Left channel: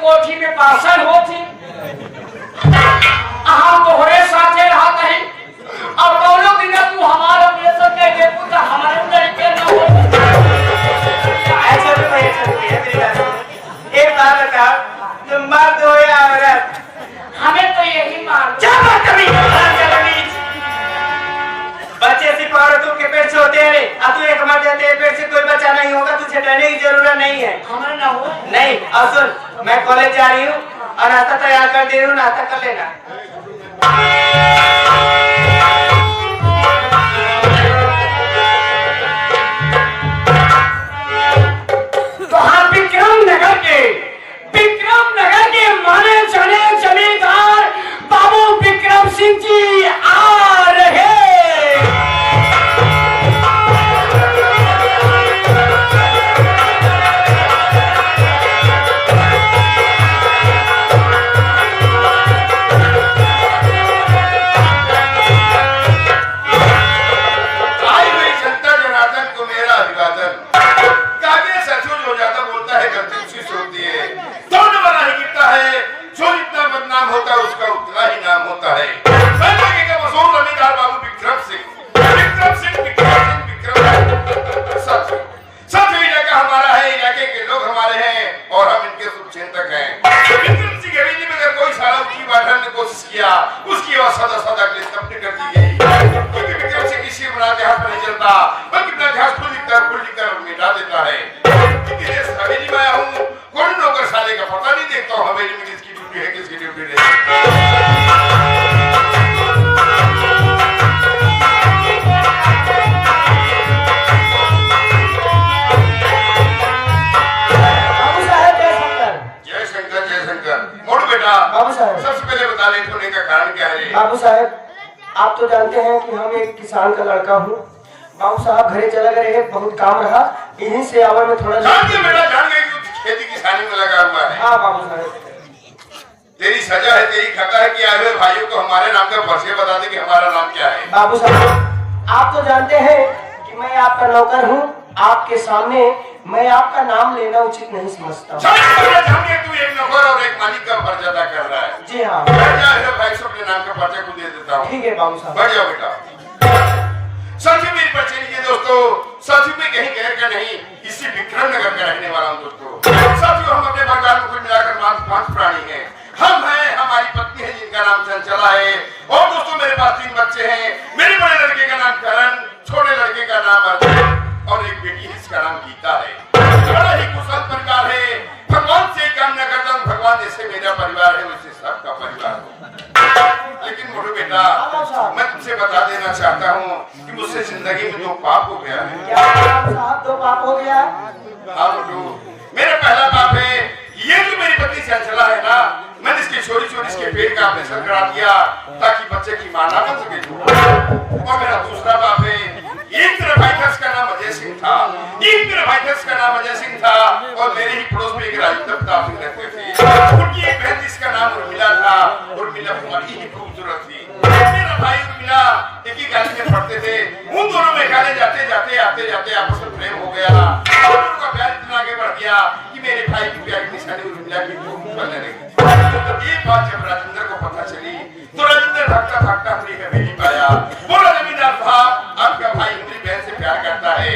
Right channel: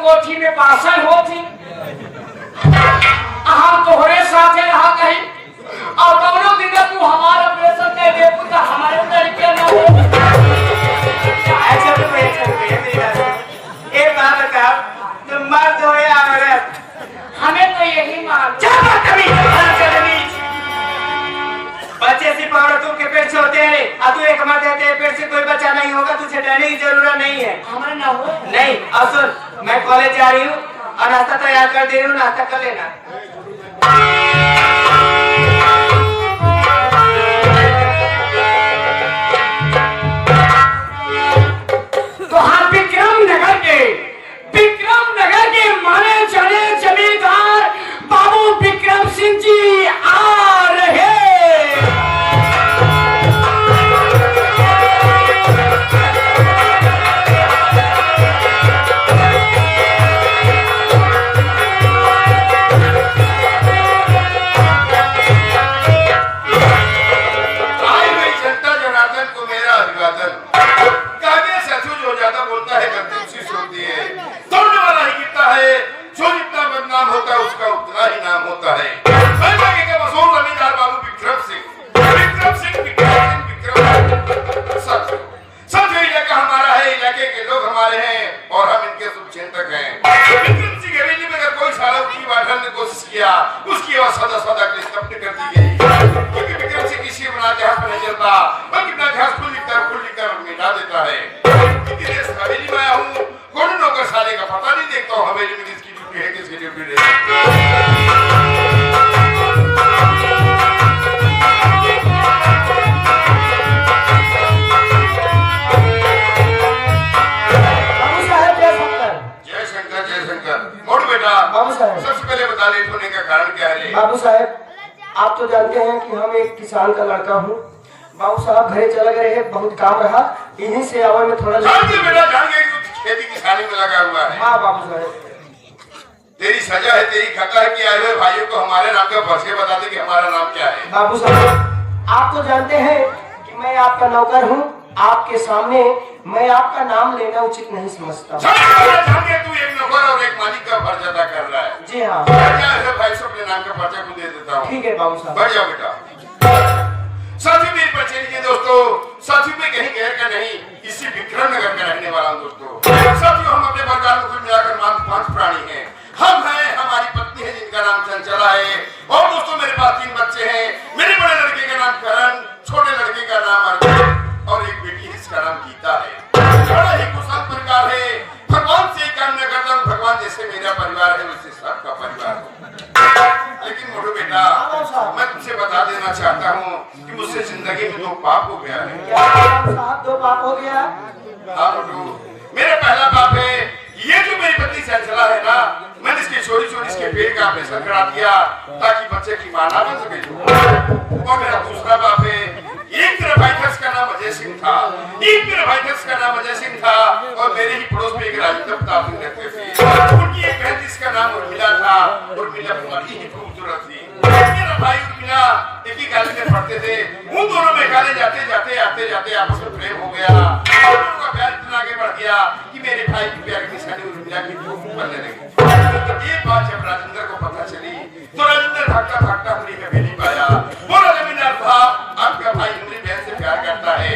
कोठी में पासन होती हम तोहरे साथे रहा कहीं और दोनों दिन तू हमारा प्रेशर कर दे तो हमारे तरीके ना हो। ऐसा तो भाई एक बात बता, तुम मर्द हो या औरत? हमें तो यही मार बच्चे सिर्फ औरतों के पेट से होते हैं, तू एक मर्द है, तेरे पेट से कोई बच्चा नहीं होगा, तुझे डरने की जरूरत नहीं है। हमारे ना हो नहीं। और सुन, मैं कॉलेज जा रही हूँ और नाश्ता तैयार कर दे रही हूँ, नाश्ता कर लेना। तो हम विक्रम नगर के माने जाने जमींदार बाबू विक्रम सिंह जी आ रहे। उसका उतना ही नाम होता है। मशहूर जमींदार बाबू विक्रम सिंह सच इलाका हमारा है, इलाके के लोग हमारे हैं और हम इनके शुभचिंतक हैं। विक्रम सिंह हवेली में अगर कोई सारा ऊंची बैठने की कोशिश किया, उसकी आवाज सदा सदा के लिए कर दी गई, क्योंकि विक्रम सिंह किसी बना जहाज पर नहीं चलता, बल्कि अपना जहाज खुल लिखकर मिटा देता है। हवेली में आया हूँ, कौन नौकर साले का पता नहीं देखता हूँ हवेली में किसकी ड्यूटी है, किसकी ड्यूटी नहीं। सबसे पहले बता लेट होने का कारण क्या है? बाबू साहब, आप तो जानते हैं कि हम एक किसान का लड़का हूँ। बाबू साहब घरे चला गए, बहुत काम रहा, इन्हीं से आवर में थोड़ा जान गए खेती किसानी में लगा हुआ है। हाँ बाबू साहब, तेरी सजा है, तेरी खता है कि आए हुए भाइयों को हमारे नाम का परिचय बता दे कि हमारा नाम क्या है। बाबू साहब, आप तो जानते हैं कि मैं आपका नौकर हूँ, आपके सामने मैं आपका नाम लेना उचित नहीं समझता। तू एक नौकर और एक मालिक का फर्ज अदा कर रहा है। जी हाँ, भाई सब के नाम का परिचय को दे देता हूँ। ठीक है बाबू साहब। बढ़िया बेटा। साथी मेरी परिचय लीजिए दोस्तों, साथी में कहीं गैर का नहीं, इसी विक्रम नगर का रहने वाला हूँ दोस्तों। साथियों, हम अपने परिवार में कुल मिलाकर मात्र 5 प्राणी हैं। हम हैं, हमारी पत्नी है जिनका नाम चंचला है, और दोस्तों मेरे पास 3 बच्चे हैं। मेरे बड़े लड़के का नाम करण, छोटे लड़के का नाम अर्जुन और एक बेटी है जिसका नाम गीता है। बड़ा ही कुशल परिवार है। भगवान से कामना करता हूँ, भगवान जैसे मेरा परिवार है वैसे सबका परिवार हो। लेकिन मोटू बेटा, मैं तुमसे बता देना चाहता हूँ कि मुझसे जिंदगी में 2 पाप हो गया है। 2 पाप हो गया? हाँ मोटू, मेरा पहला पाप है ये जो मेरी पत्नी चंचला है ना, मैंने इसकी चोरी इसके पेट का ऑपरेशन करा दिया ताकि बच्चे की मां ना बन सके। और मेरा दूसरा बाप है, एक मेरा भाई था उसका नाम अजय सिंह था, और मेरे ही पड़ोस में एक राजेंद्र प्रताप सिंह रहते थे। उनकी एक बहन जिसका नाम उर्मिला था, उर्मिला बड़ी ही खूबसूरत थी। मेरा भाई उर्मिला एक ही कॉलेज में पढ़ते थे। उन दोनों में खाने जाते जाते आपस में प्रेम हो गया और उनका प्यार इतना आगे बढ़ गया कि मेरे भाई की प्यार की निशानी उर्मिला की खूब बनने लगी। ये बात जब राजेंद्र को पता चली तो राजेंद्र भागता अपनी हवेली पाया। बोला जमींदार साहब, आपका भाई मेरी बहन से प्यार करता है।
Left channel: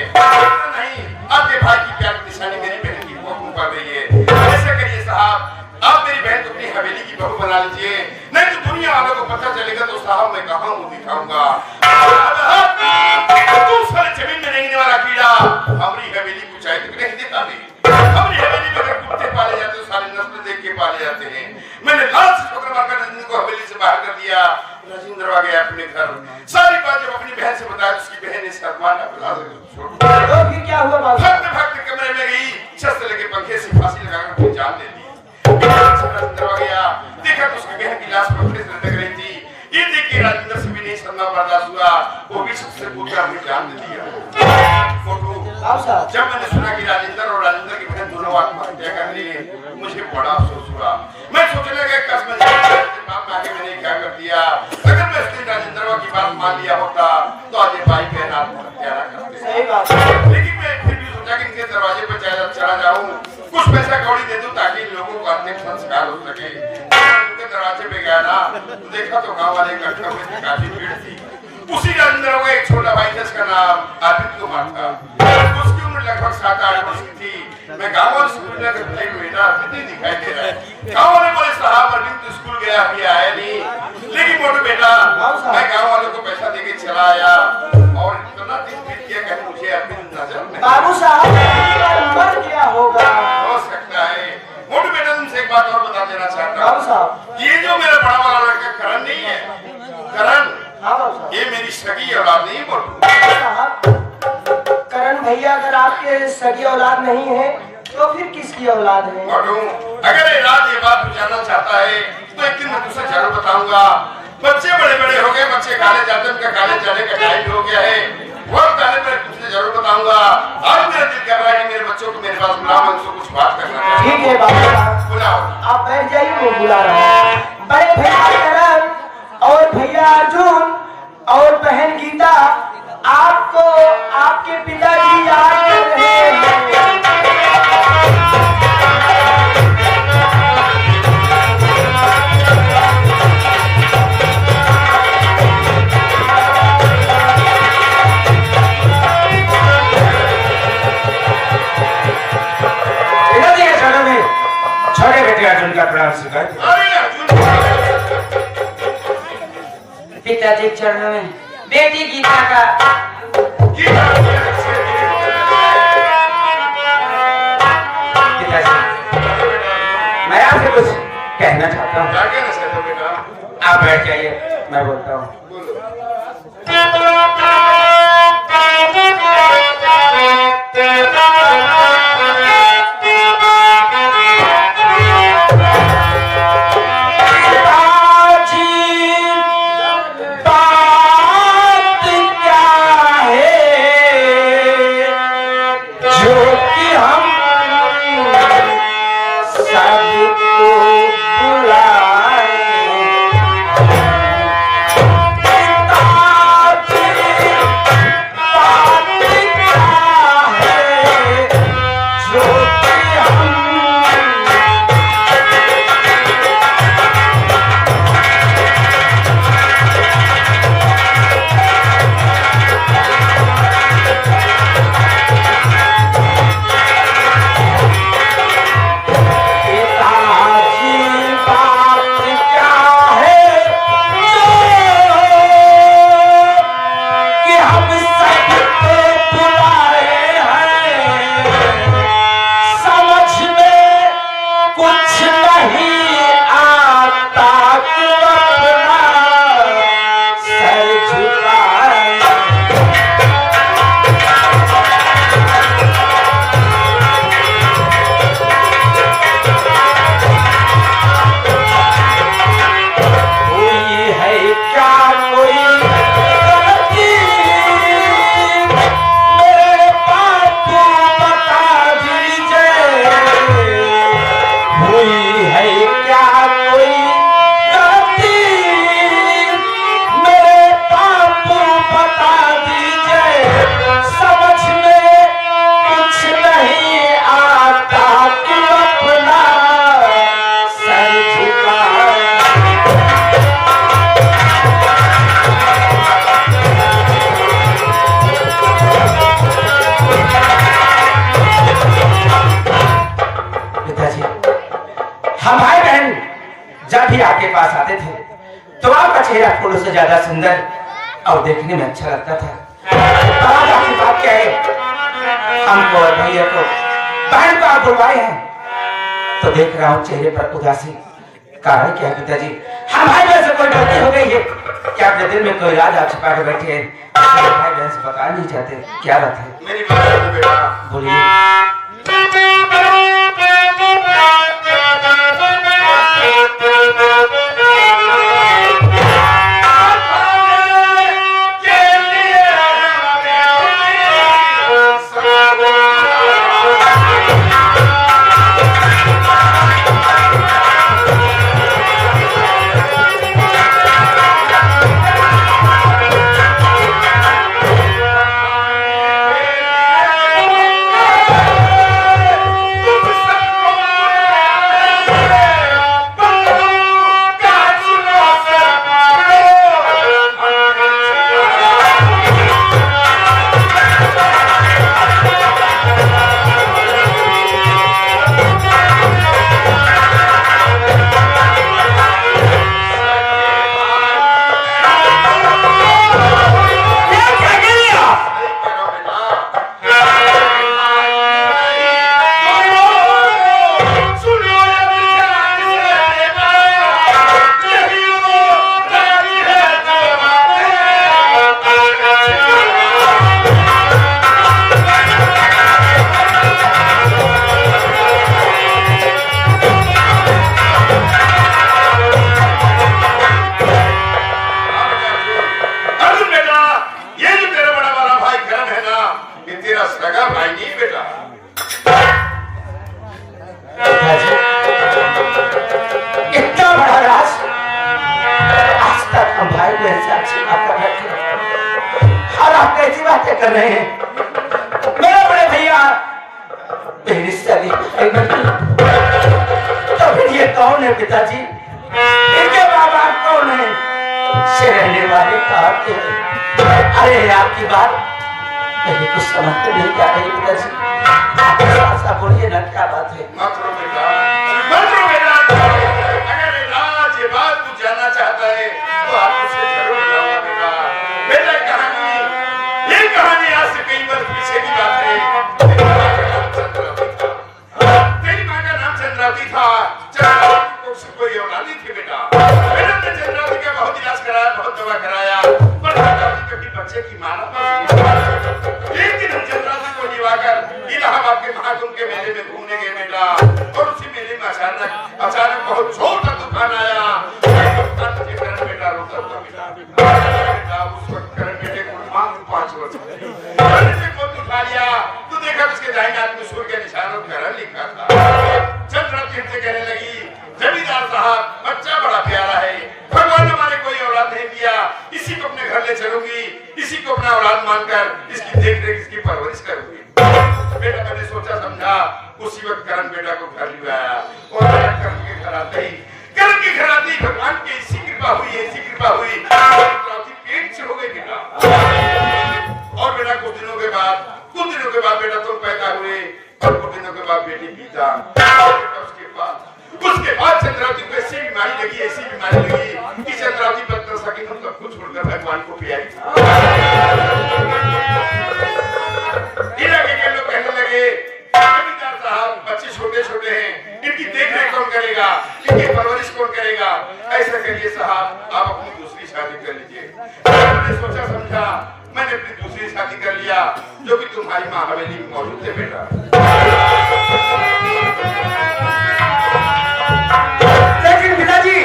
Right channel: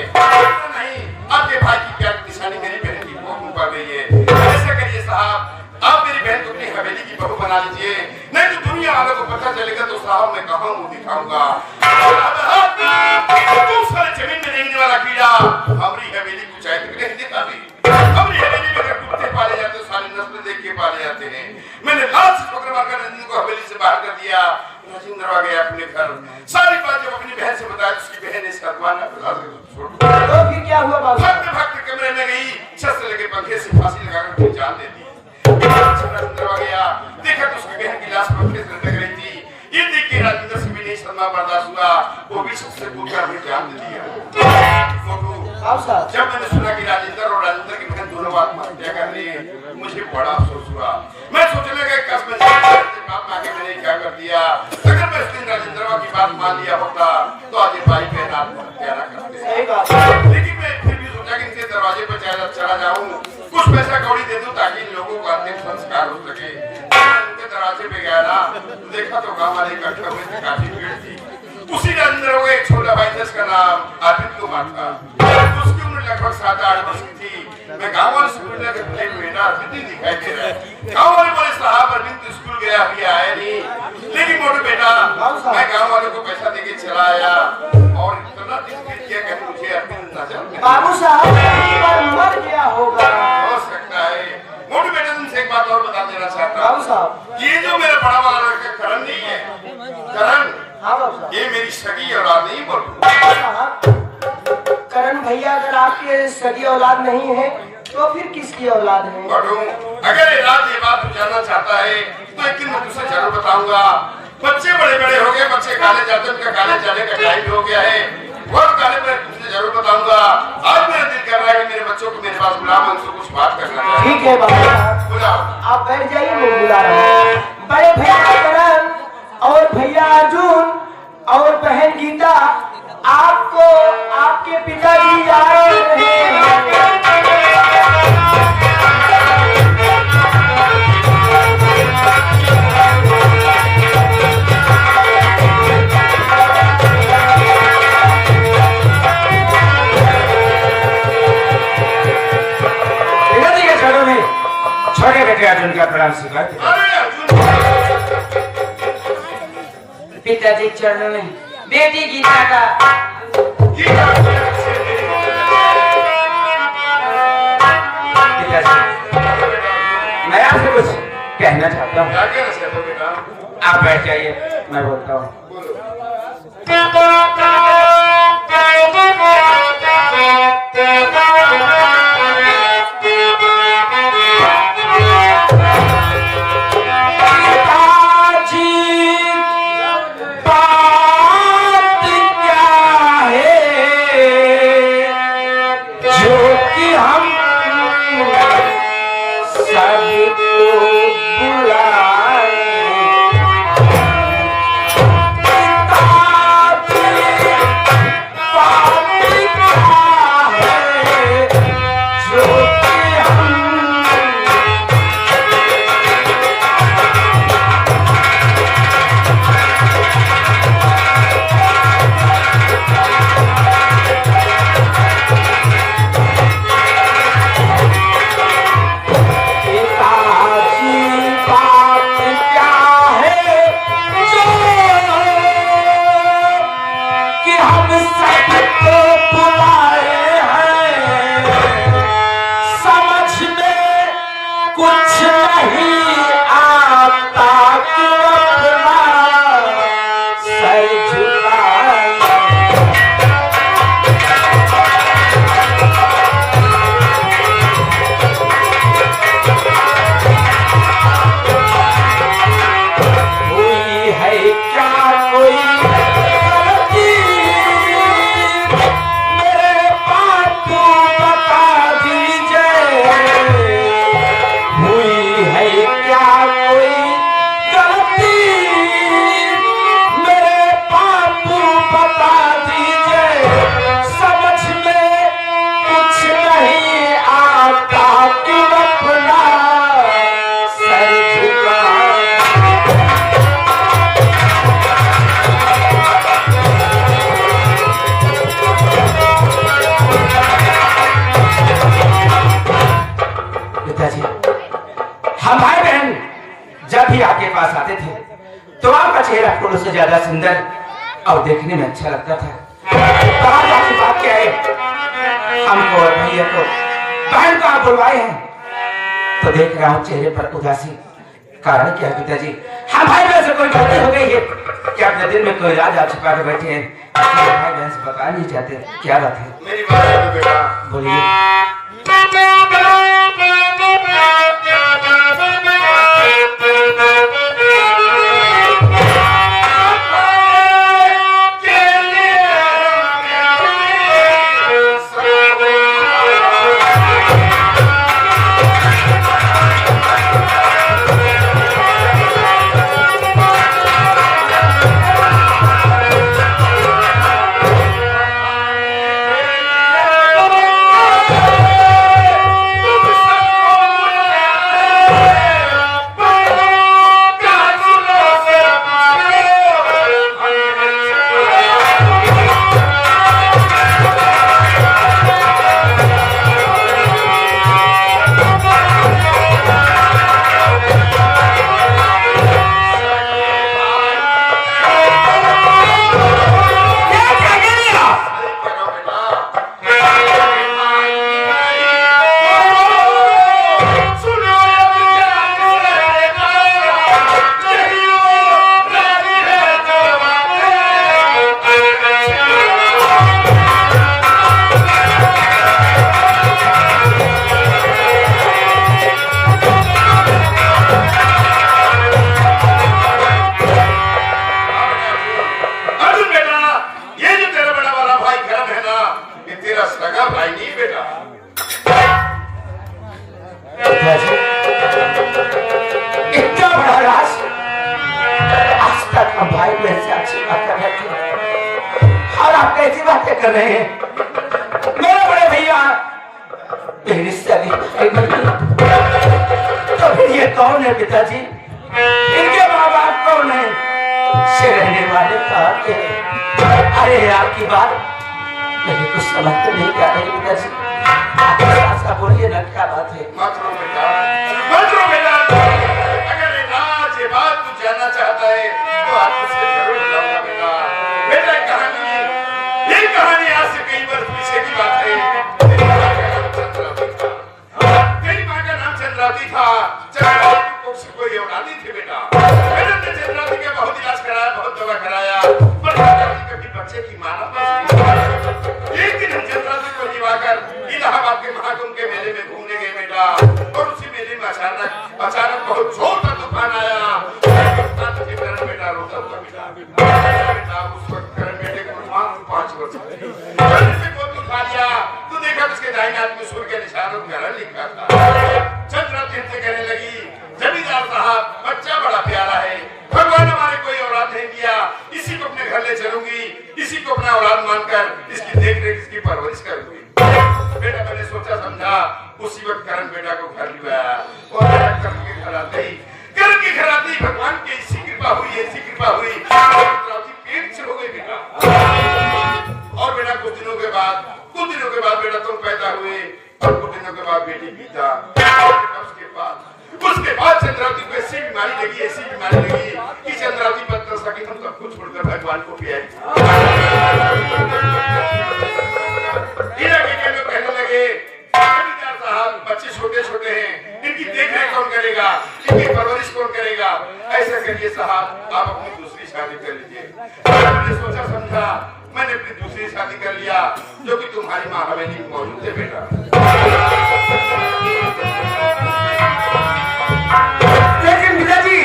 नहीं, आपके भाई की प्यार की निशानी मेरी बहन की भूख पड़ गई है। ऐसा करिए साहब, आप मेरी बहन को अपनी हवेली की बहू बना लीजिए, नहीं तो दुनिया वालों को पता चलेगा तो साहब मैं कहाँ मुंह दिखाऊंगा। तुम सारे जमीन में रहने वाला कीड़ा हमारी हवेली की ऊंचाई तक नहीं दिखा दी। हमारी हवेली में अगर कुत्ते पाले जाते हैं, सारी नस्लें देख के पाले जाते हैं। मैंने लाल से पकड़ मारकर राजेंद्र को हवेली से बाहर कर दिया। राजेंद्र आ गया अपने घर। सारी बात जब अपनी बहन से बताया, उसकी बहन ने शर्मा ना बुला तो फिर क्या हुआ बाबू? भागते कमरे में गई, शस्त्र लेके पंखे से फांसी लगाकर अपनी जान दे दी। राजेंद्र आ गया, देखा तो उसकी बहन की लाश पंखे से लटक रही थी। ये देख के राजेंद्र से भी नहीं शर्मा बर्दाश्त हुआ, वो भी सबसे पूछकर अपनी जान दे दी। जब मैंने सुना कि राजेंद्र की बहन दोनों आत्महत्या कर ली, मुझे बड़ा अफसोस हुआ। मैं सोचने लगा कसम बात आगे मैंने क्या कर दिया। अगर मैं इस दिन राजेंद्र की बात मान लिया होता तो आज भाई बहन आत्महत्या न करते। सही बात है। लेकिन मैं फिर भी सोचा कि इनके दरवाजे पर चला जाऊं, कुछ पैसा कौड़ी दे दूं ताकि लोगों को अंतिम तो देखा तो गांव वाले इकट्ठे हुए थे, काफी भीड़ थी। उसी के अंदर वो एक छोटा भाई जिसका नाम अर्पित कुमार था। उसकी उम्र लगभग 7-8 वर्ष की थी। मैं गांव वाले से पूछा कि भाई बेटा अर्पित नहीं दिखाई दे रहा है। गांव वाले बोले साहब अर्पित तो स्कूल गया, अभी आया नहीं। लेकिन मोटू बेटा मैं गांव वाले को पैसा देके चला आया और इतना दिन किया कि मुझे अर्पित नजर बाबू साहब मर गया होगा। हो सकता है। मोटू बेटा तुमसे एक बात और बता देना चाहता बाबू हूँ, साहब। ये जो मेरा बड़ा वाला लड़का करण नहीं है, करण हाँ बाबू साहब। ये मेरी सगी औलाद नहीं मोटू। बाबू साहब, करण भैया अगर आपके सगी औलाद नहीं है तो फिर किसकी औलाद है? मोटू अगर राज ये बात तू जानना चाहता है तो एक दिन मैं तुझसे जरूर बताऊंगा। बच्चे बड़े बड़े हो गए, बच्चे कॉलेज जाते हैं, उनका कॉलेज जाने का टाइम भी हो गया है। वक्त आने पर तुझसे जरूर बताऊंगा। आज मेरा दिल कर रहा है कि मेरे बच्चों को मेरे पास बुला, मैं उनसे कुछ बात करना चाहता हूं। ठीक है बाबू साहब, बुलाओ। आप बैठ जाइए, मैं बुला रहा हूँ। बड़े भैया करण और भैया अर्जुन और बहन गीता, आपको आपके पिताजी आ रहे हैं। छोटे बेटे अर्जुन का प्रणाम स्वीकार। अरे अर्जुन पिताजी के चरणों में बेटी गीता का मैं आपसे कुछ कहना चाहता हूँ। आप बैठ जाइए, मैं बोलता हूँ। आपके पास आते थे तो आपका चेहरा फूलों से ज्यादा सुंदर और देखने में अच्छा लगता था। तो आज आपकी बात क्या है? हमको और भैया को बहन को आप बुलवाए हैं तो देख रहा हूँ चेहरे पर उदासी। कारण क्या है पिताजी? हम भाई बहन से कोई गलती हो गई है क्या? अपने दिल में कोई राज आप छिपा के बैठे हैं, भाई बहन से बता नहीं चाहते, क्या बात है? मेरी बात सुनो बेटा, बोलिए। नहीं, मेरे बड़े भैया मेरी रिश्ता दी। तो फिर ये कौन है पिताजी? इनके माँ बाप कौन है? से रहने वाले कहाँ के? अरे आपकी बात मेरे कुछ समझ नहीं आ रही पिताजी। ऐसा बोलिए ना, क्या बात है? मत रो बेटा, मत रो बेटा। अगर राज ये बात तू जानना चाहता है तो आप उससे जरूर जानना बेटा। बेटा ये कहानी आज से कई वर्ष पीछे की बात है। तेरी माँ का नाम चंद्रावती था। चंद्रावती को उससे कोई औलाद नहीं थी बेटा। मैंने तो चंद्रावती का बहुत इलाज कराया, बहुत दवा कराया, पर कभी बच्चे की मां ना बची। लेकिन हम चंद्रावती को निभाकर इलाहाबाद के महाकुंभ के मेले में घूमने गए बेटा, और उसी मेले में अचानक बहुत जोर का तूफान आया। बेटा रोता हुआ बेटा, उस वक्त करण बेटे को मात्र 5 वर्ष थे। उठा लिया तो देखा उसके दाहिने हाथ में सूर्य के निशान और घरण लिखा था। चंद्रावती से कहने लगी, जमींदार साहब बच्चा बड़ा प्यारा है, भगवान हमारे कोई औलाद नहीं दिया, इसी को अपने घर ले चलूंगी, इसी को अपना औलाद मानकर इसकी देख रेख इसकी परवरिश करूंगी। बेटा मैंने सोचा समझा, उसी वक्त करण बेटा को घर ले आया और करण के घर आते ही भगवान की ऐसी कृपा हुई पेट से हो गई बेटा। और बेटा कुछ दिनों के बाद बेटा तुम पैदा हुए और कुछ दिनों के बाद बेटी गीता। उसके बाद चंद्रावती को ऐसी बीमारी लगी कि चंद्रावती बच न सकी, तुम सब कुछ छोड़कर भगवान को प्यारी। लोग कहने लगे, जमींदार साहब बच्चे छोटे हैं, इनकी देखरेख कौन करेगा, इनकी परवरिश कौन करेगा? ऐसा करिए साहब, आप अपनी दूसरी शादी कर लीजिए। मैंने सोचा समझा, मैंने अपनी दूसरी शादी कर लिया, जो कि तुम्हारी माँ हवेली में मौजूद है बेटा। लेकिन पिताजी,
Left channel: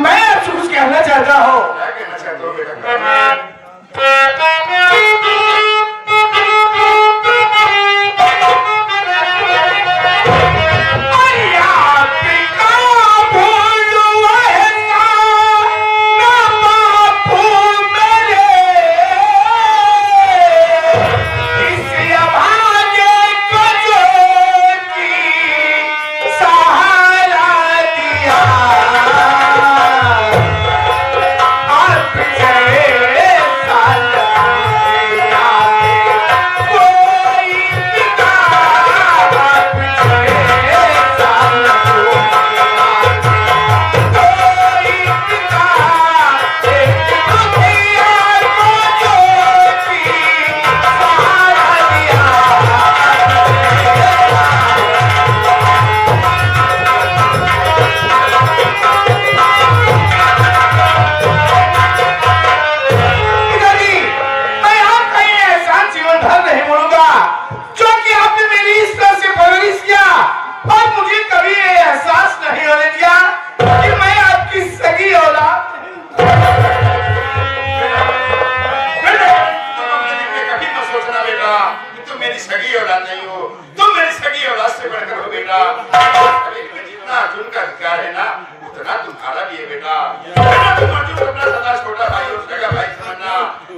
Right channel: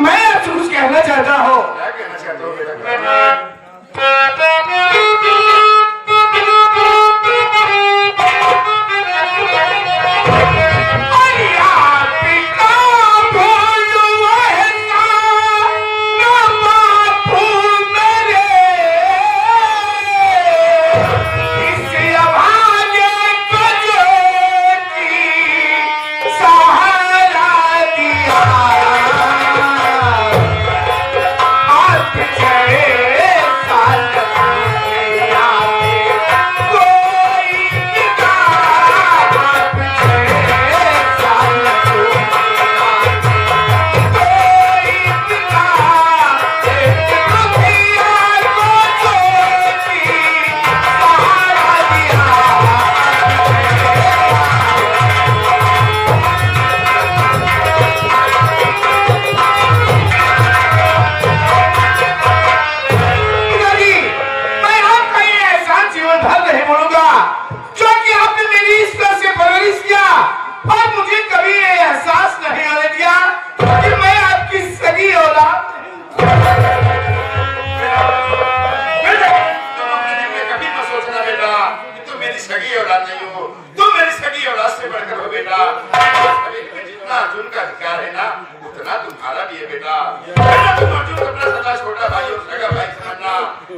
मैं आपसे कुछ कहना चाहता हूँ। क्या कहना चाहते हो बेटा?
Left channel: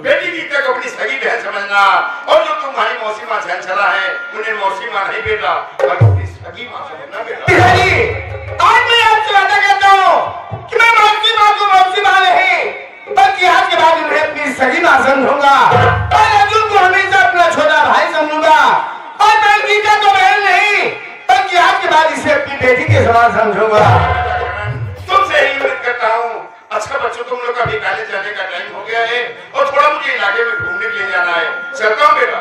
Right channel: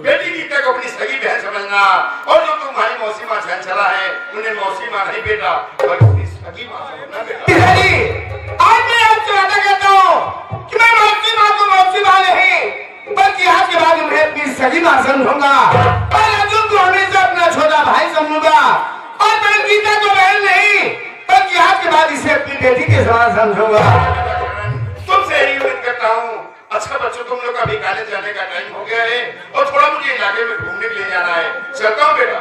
बेटी गीता को अपनी सगी बहन समझना, और जो तुम्हारी मौसी माँ झंझरा है उन्हें मौसी माँ नहीं बेटा, बल्कि सगी माँ समझना बेटा। आज मैं आपसे वादा करता हूँ कि मैं मौसी माँ को मौसी माँ नहीं, बल्कि आज के बाद उन्हें अपनी सगी माँ समझूंगा, और अर्जुन को हमेशा अपना छोटा भाई समझूंगा, और मैं गीता को बहन नहीं, बल्कि आज के बाद इसे अपनी बेटी के समान समझूंगा। तुमसे यही उम्मीद करता हूँ। अच्छा बच्चों, तुम लोग अभी कॉलेज जाने का टाइम हो गया है और थोड़ा मुझे इलाके में घूमने के लिए जाना है। चलता हूँ बेटा।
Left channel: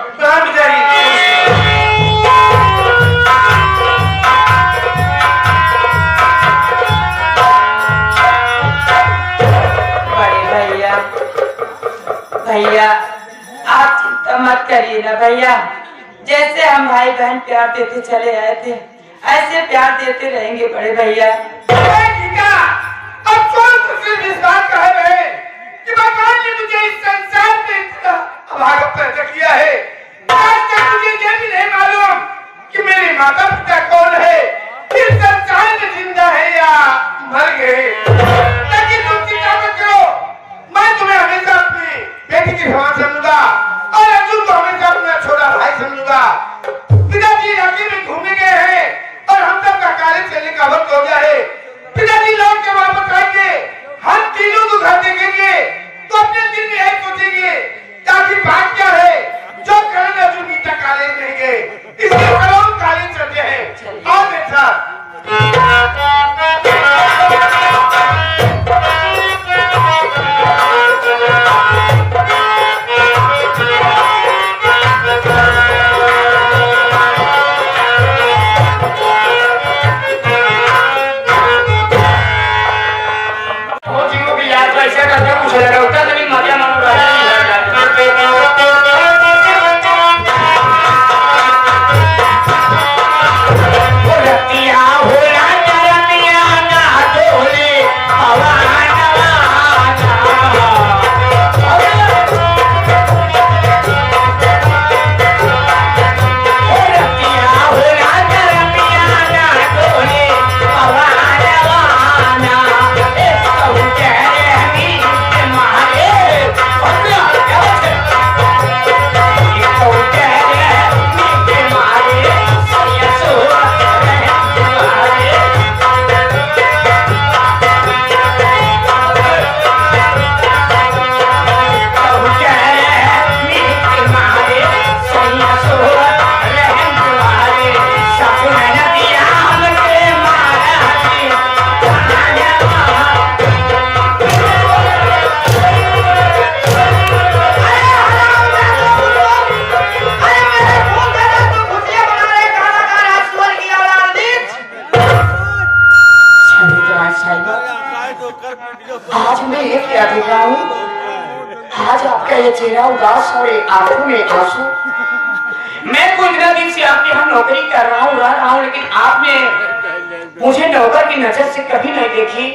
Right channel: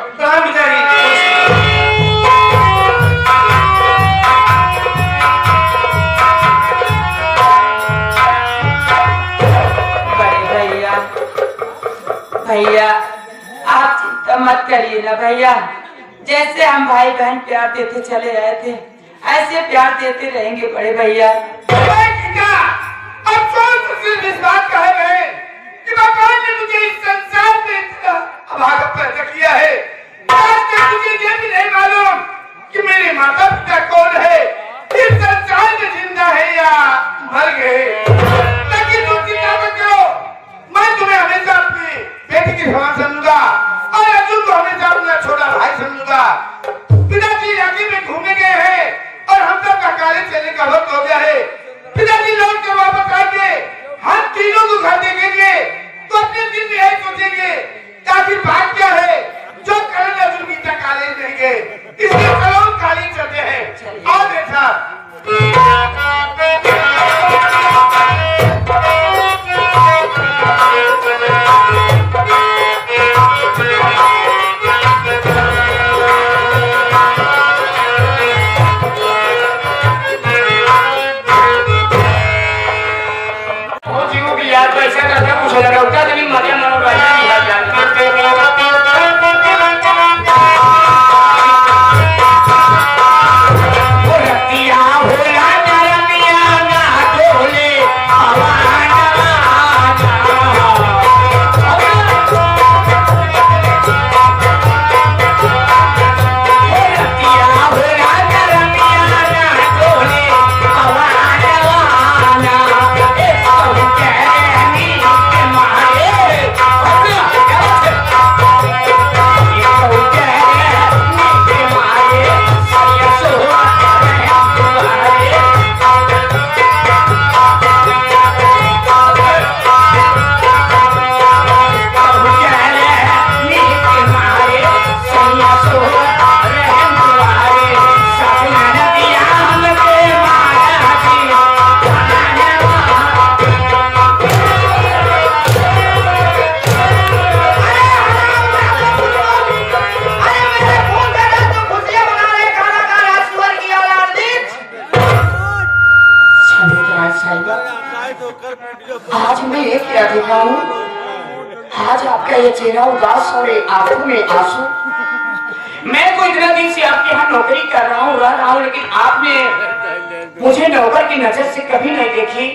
भैया आप चिंता मत करिए ना भैया, जैसे हम भाई बहन प्यार देते चले आए थे ऐसे प्यार देते रहेंगे बड़े भैया। अब कौन सिर्फ इस बात का है कि भगवान ने मुझे इस संसार में इतना अभागा पैदा किया है, आज तक मुझे ये भी नहीं मालूम कि मेरे माता पिता कौन है, इस संसार में जिंदा है या मर गए। ताकि तुम चिंता मत करो, मैं तुम्हें हमेशा अपनी बेटी की समान समझूंगा और अर्जुन को रतिया होला करमिया ना डोले हवाना रतिया होला करमिया ना डोले हवाना ए सब कहनी के मारे अबे आज मैं ये क्या देख रहा हूँ? आज आपका ये चेहरा उदास और आंखों में आंसू। मैं तो इतना दिन से आपके यहाँ नौकरी कर रहा हूँ, रह रहा हूँ, लेकिन आपने मुझे नौकर की नजर से कभी नहीं देखी।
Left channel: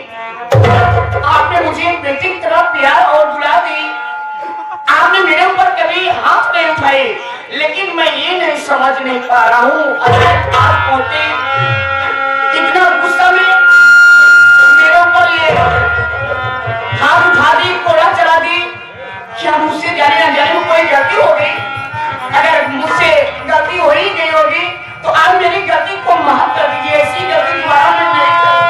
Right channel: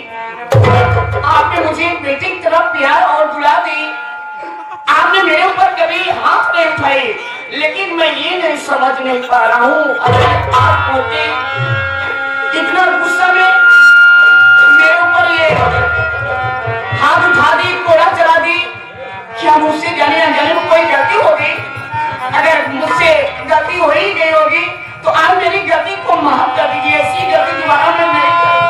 आपने मुझे एक बेटी की तरह प्यार और दुला दी। आपने मेरे ऊपर कभी हाथ नहीं उठाए, लेकिन मैं ये नहीं समझ नहीं पा रहा हूँ। अगर आप पोते इतना गुस्सा में मेरे ऊपर ये हाथ उठा दी, कोड़ा चला दी, क्या मुझसे जाने अनजाने में कोई गलती हो गई? अगर मुझसे गलती हो ही गई होगी तो आप मेरी गलती को माफ कर दीजिए। ऐसी गलती दोबारा मैं नहीं करूँ।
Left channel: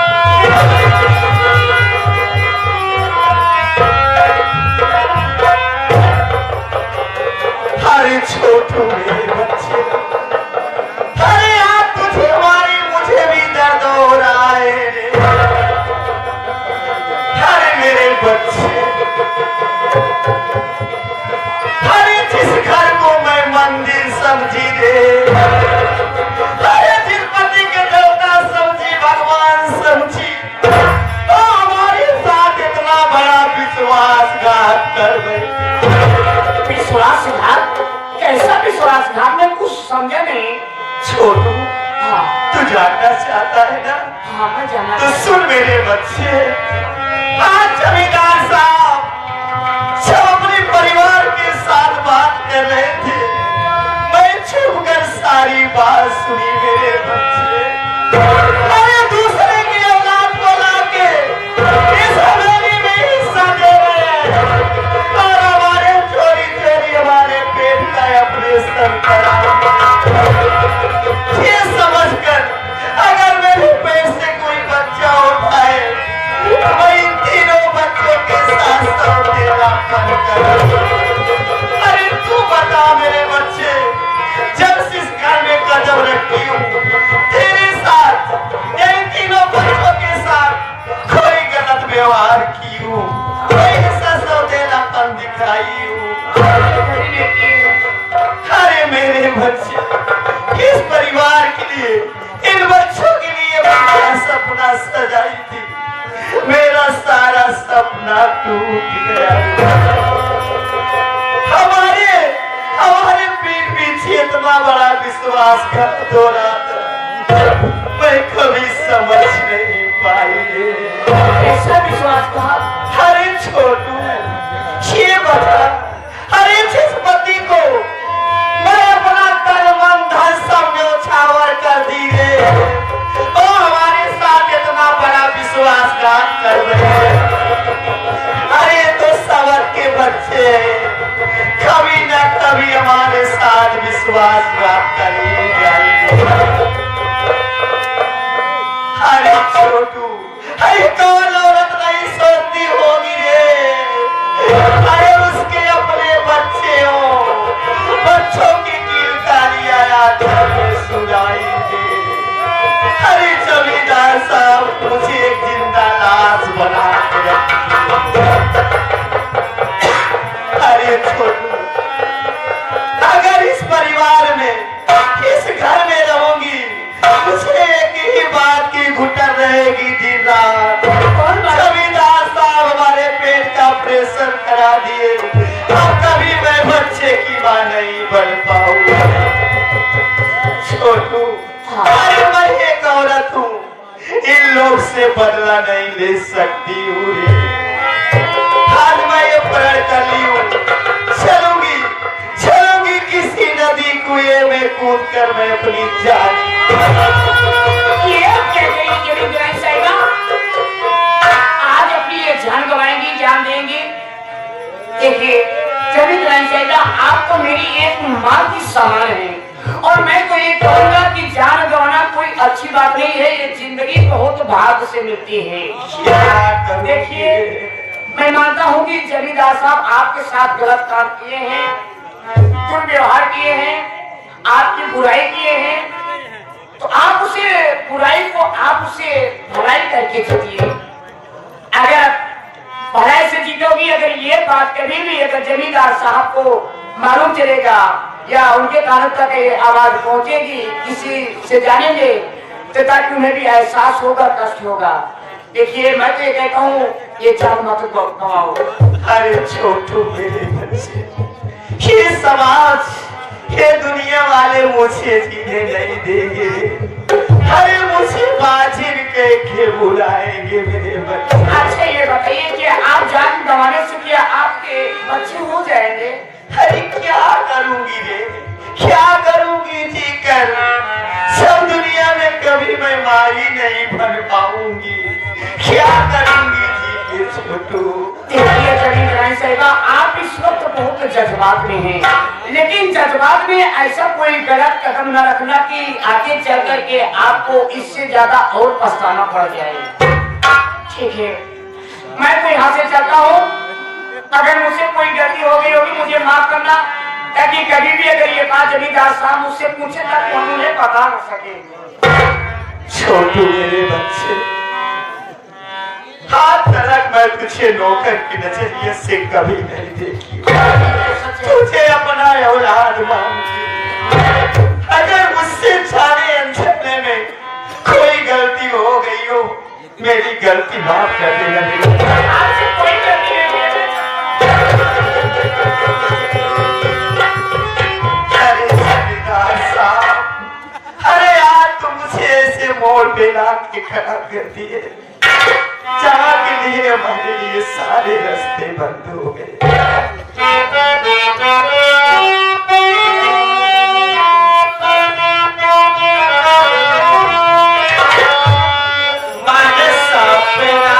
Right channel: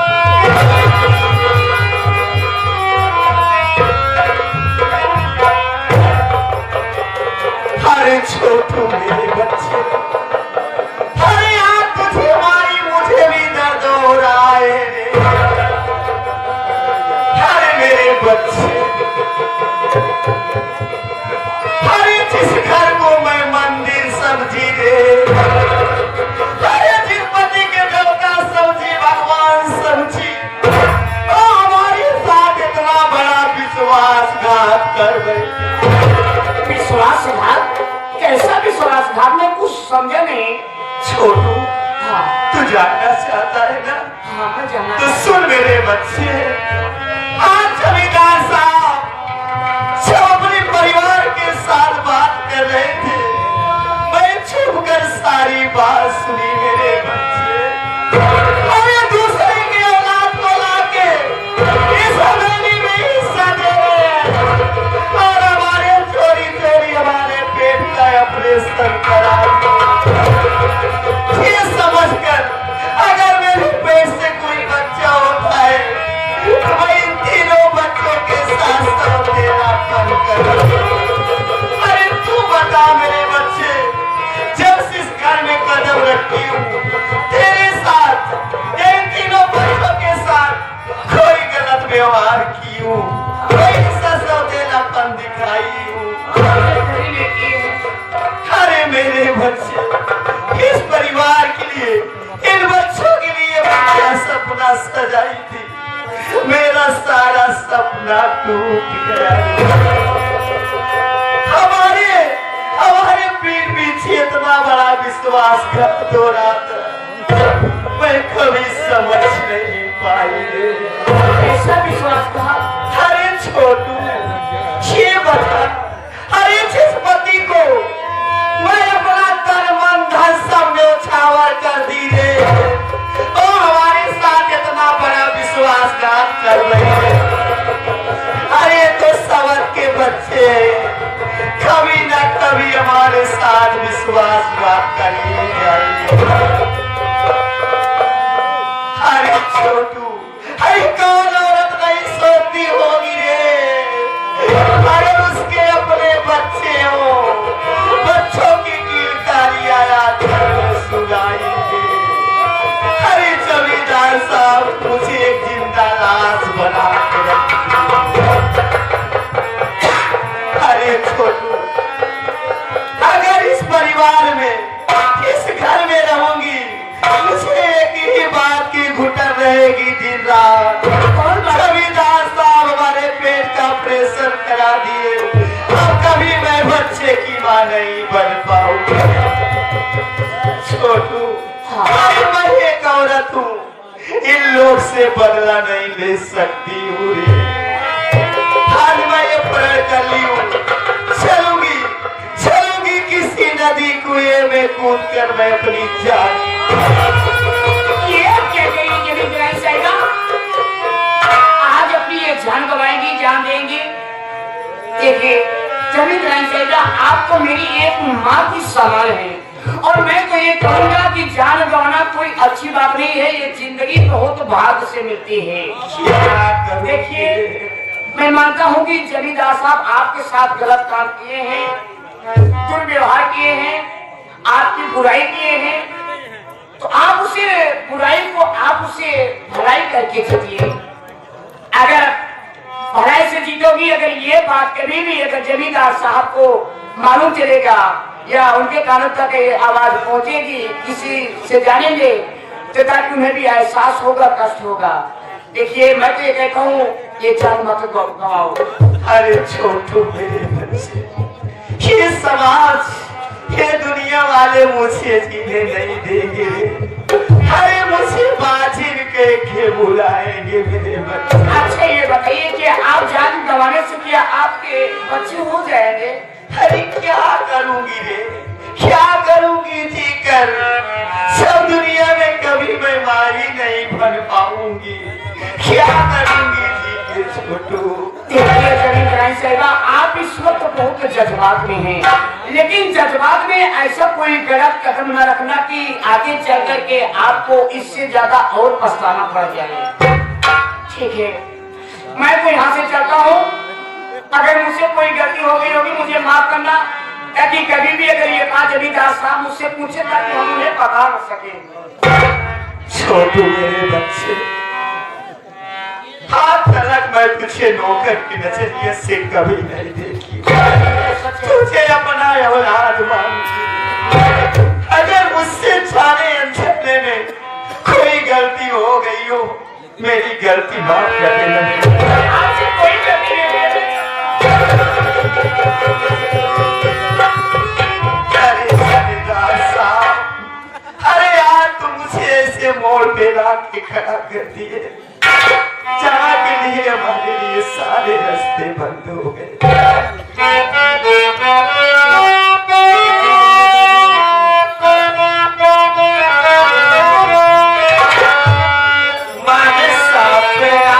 अरे छोटू मेरे बच्चे, अरे यार तुझे मारी मुझे भी दर्द हो रहा है। अरे मेरे बच्चे, अरे जिस घर को मैं मंदिर समझी रे, अरे जिस पति के देवता समझी, भगवान समझी, वो हमारे साथ इतना बड़ा विश्वासघात कर गई। विश्वासघात? कैसा विश्वासघात? मैं कुछ समझा नहीं। छोटू, हाँ तू जानना चाहता है ना? हाँ मैं जानना तो सुन मेरे बच्चे, आज जमींदार साहब जब अपने परिवार के साथ बात कर रहे थे, मैं चुप कर सारी बात सुनी मेरे बच्चे। अरे दूसरे की औलाद को लाके इस हवेली में हिस्सा दे रहे हैं और हमारे चोरी चोरी हमारे पेट का ऑपरेशन करा। ये समझकर अगर मेरे पेट से कोई बच्चा होता है तो मैं इन तीनों बच्चों के साथ तेरा मन करूं। अरे तू बता मेरे बच्चे, जब से इस घर में कदम रखी हूँ तेरे साथ या इन तीनों बच्चों के साथ कोई गलत व्यवहार की हूँ, कोई सौतेलापन दिखाई हूँ? अरे मेरे बच्चे, किस परिवार के लिए, इन बच्चों के लिए मैं सपना सजाई थी, मेरा सारा सपना टूट गया। हमारे पीठ पीछे इतना बड़ा विश्वासघात हो रहा था, मैं कभी समझ नहीं पाई रे। ऐसा विश्वासघात? अरे छोटू, ये बता, अरे जिस पति को मैं अपना तन मन धन सब न्योछावर कर दी रे, वो हमारे साथ इतना बड़ा विश्वासघात कर रहे हैं। अरे तो सवर के बच्चे कभी न कभी हमारे साथ विश्वासघात करेंगे जाएंगे। अरे छोटू, अरे कौन औरत नहीं सोचती होगी रे, अरे उसके अपने बच्चे हो, बच्चों की कीर्तानियां रात में सुनाई दे। अरे जमींदार साहब मुझे एक जिंदा लाश बना के रख। अरे छोटू, अगर इस परिवार में, इस घर में रहूंगी, मुझे एक ही बात की घुटन रहेगी दिन रात। जमींदार साहब हमारे पेट का ऑपरेशन करा दिए, अब कभी मैं बच्चे की मां नहीं बन पाऊंगा। छोटू, अरे मैं एक औरत मौत से बदला नहीं ले सकती हूँ रे। आज मैं ये प्रण कर ली हूँ, चलूंगी चलूंगी किसी नदी कुएं में कूद कर मैं अपनी जान। ये आप क्या करेंगे जमीन दार साहिबा? आज अपनी ये जान गवाएंगी, जान देंगे? देखिए जमीन दार साहिबा, आपको मेरी एक माँ की समान है और मैं तो ये कहूंगा कि जान गंवाना कोई अच्छी बात नहीं है। ये जिंदगी बहुत भाग्य से मिलती है। देखिए मैं मानता हूँ कि जमींदार साहब आपके साथ गलत काम किए हैं, दुर्व्यवहार किए हैं, आपकी बुराई किए हैं, तो आप उसे बुराई को आप उसे भलाई करके जीतिए। अगर भलाई से जीतोगी, अगर ये बात कभी भी अगर जमींदार साहब को मालूम चलेगा या उनके कानों तक ये आवाज पहुंचेगी, किसी से जानेंगे, तो ताकि उन्हें भी एहसास होगा, कष्ट होगा। देखिए मैं तो ये कहता हूँ, ये जान मत गवाओ। अरे छोटू मेरे बच्चे, ये समाज ये दुनिया वाले मुझे जीने नहीं देंगे। अरे मुझे बाजिर के बुलाएंगे मेरे बच्चे। अच्छा ये बताइए कि आप जान गंवाने से क्या आपके बच्चे हो जाएंगे? अरे क्या करूंगी रे, क्या करूंगी जी कर, सब दुनिया में कभी मैं माई नहीं बन पाऊंगी। क्या करूंगी जी के छोटू। देखिए जमींदार साहिबा, आप इस वक्त बहुत जज्बात में हैं, लेकिन जज्बात में ऐसा कोई गलत कदम न रखना कि आगे चल करके आपको इससे ज्यादा और पछताना पड़ जाए। ठीक है, मैं तो यहाँ से चलता हूँ। अगर मुझसे कोई गलती हो गई होगी मुझे माफ करना, ताकि कभी भी अगर ये बात जमींदार साहब मुझसे पूछे ताकि हम उन्हें बता न सके। छोटू मेरे बच्चे, हाथ तक मैं तुझे नौकर की नजरिए से कभी नहीं देखी, तुझे अपना औलाद मानती। अगर मुझसे जाने अनजाने में कोई गलती हो गई हो, मेरी गलती माफ कर देना। आपसे कोई गलती नहीं हुई। अरे यार तुम मुझे ऐसे मोड़ पे ला के खड़ा कर दिए, जहाँ के लिए हमारे लिए सारे रास्ते बंद हो गए। माने सपना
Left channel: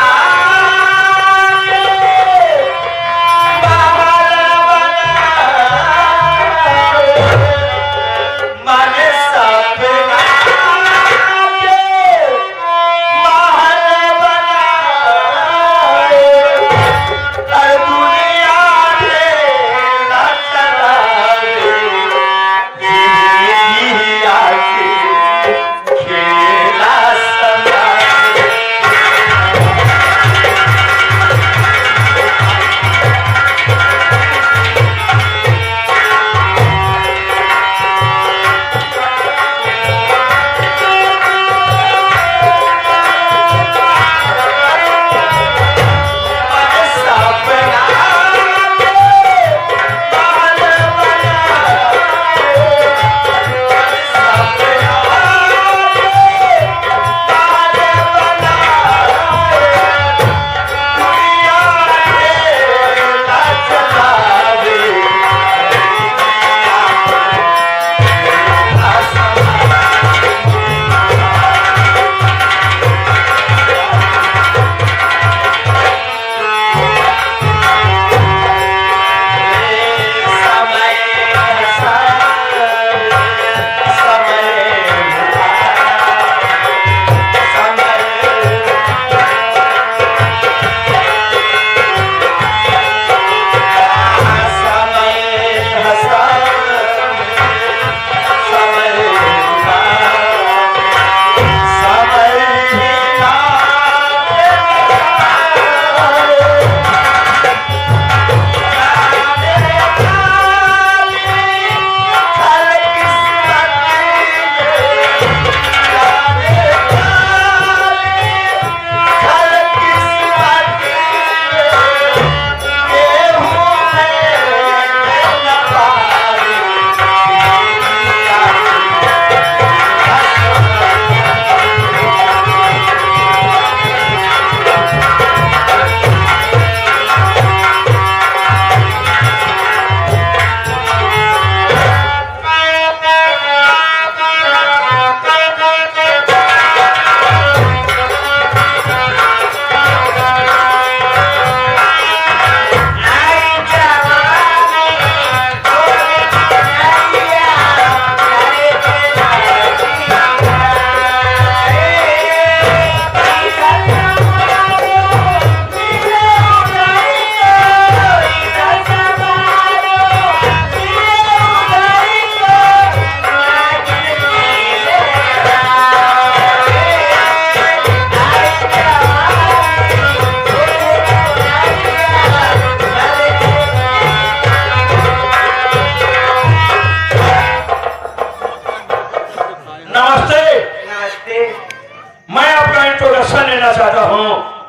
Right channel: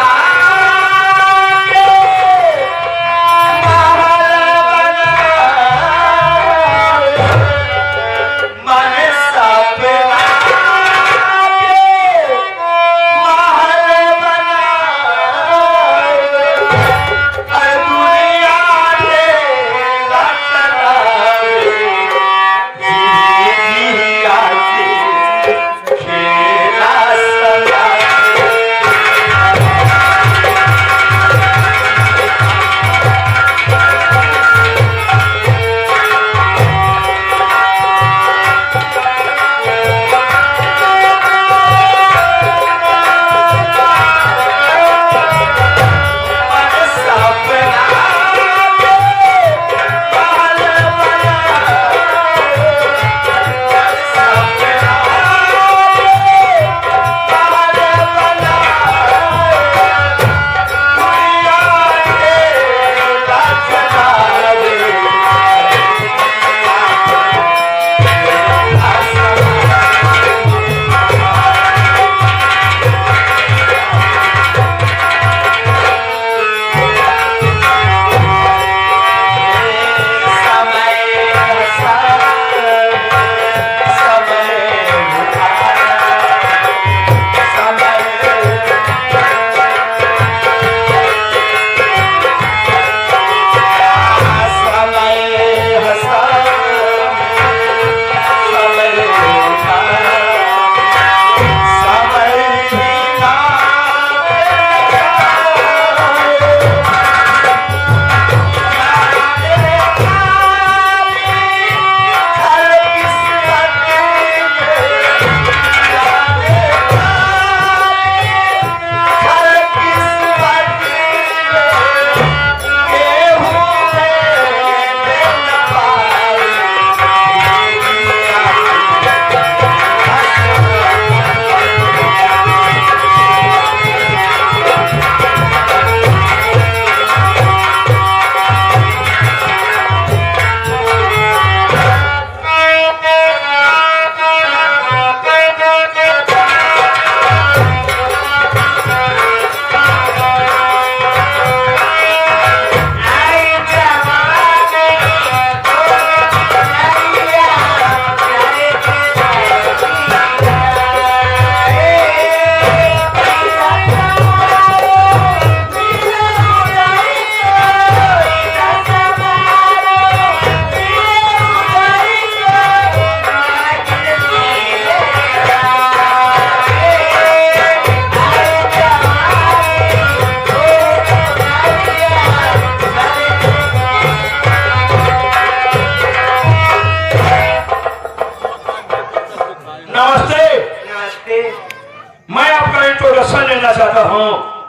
मैं आपका इंट्रोडक्शन लेना चाहता हूँ।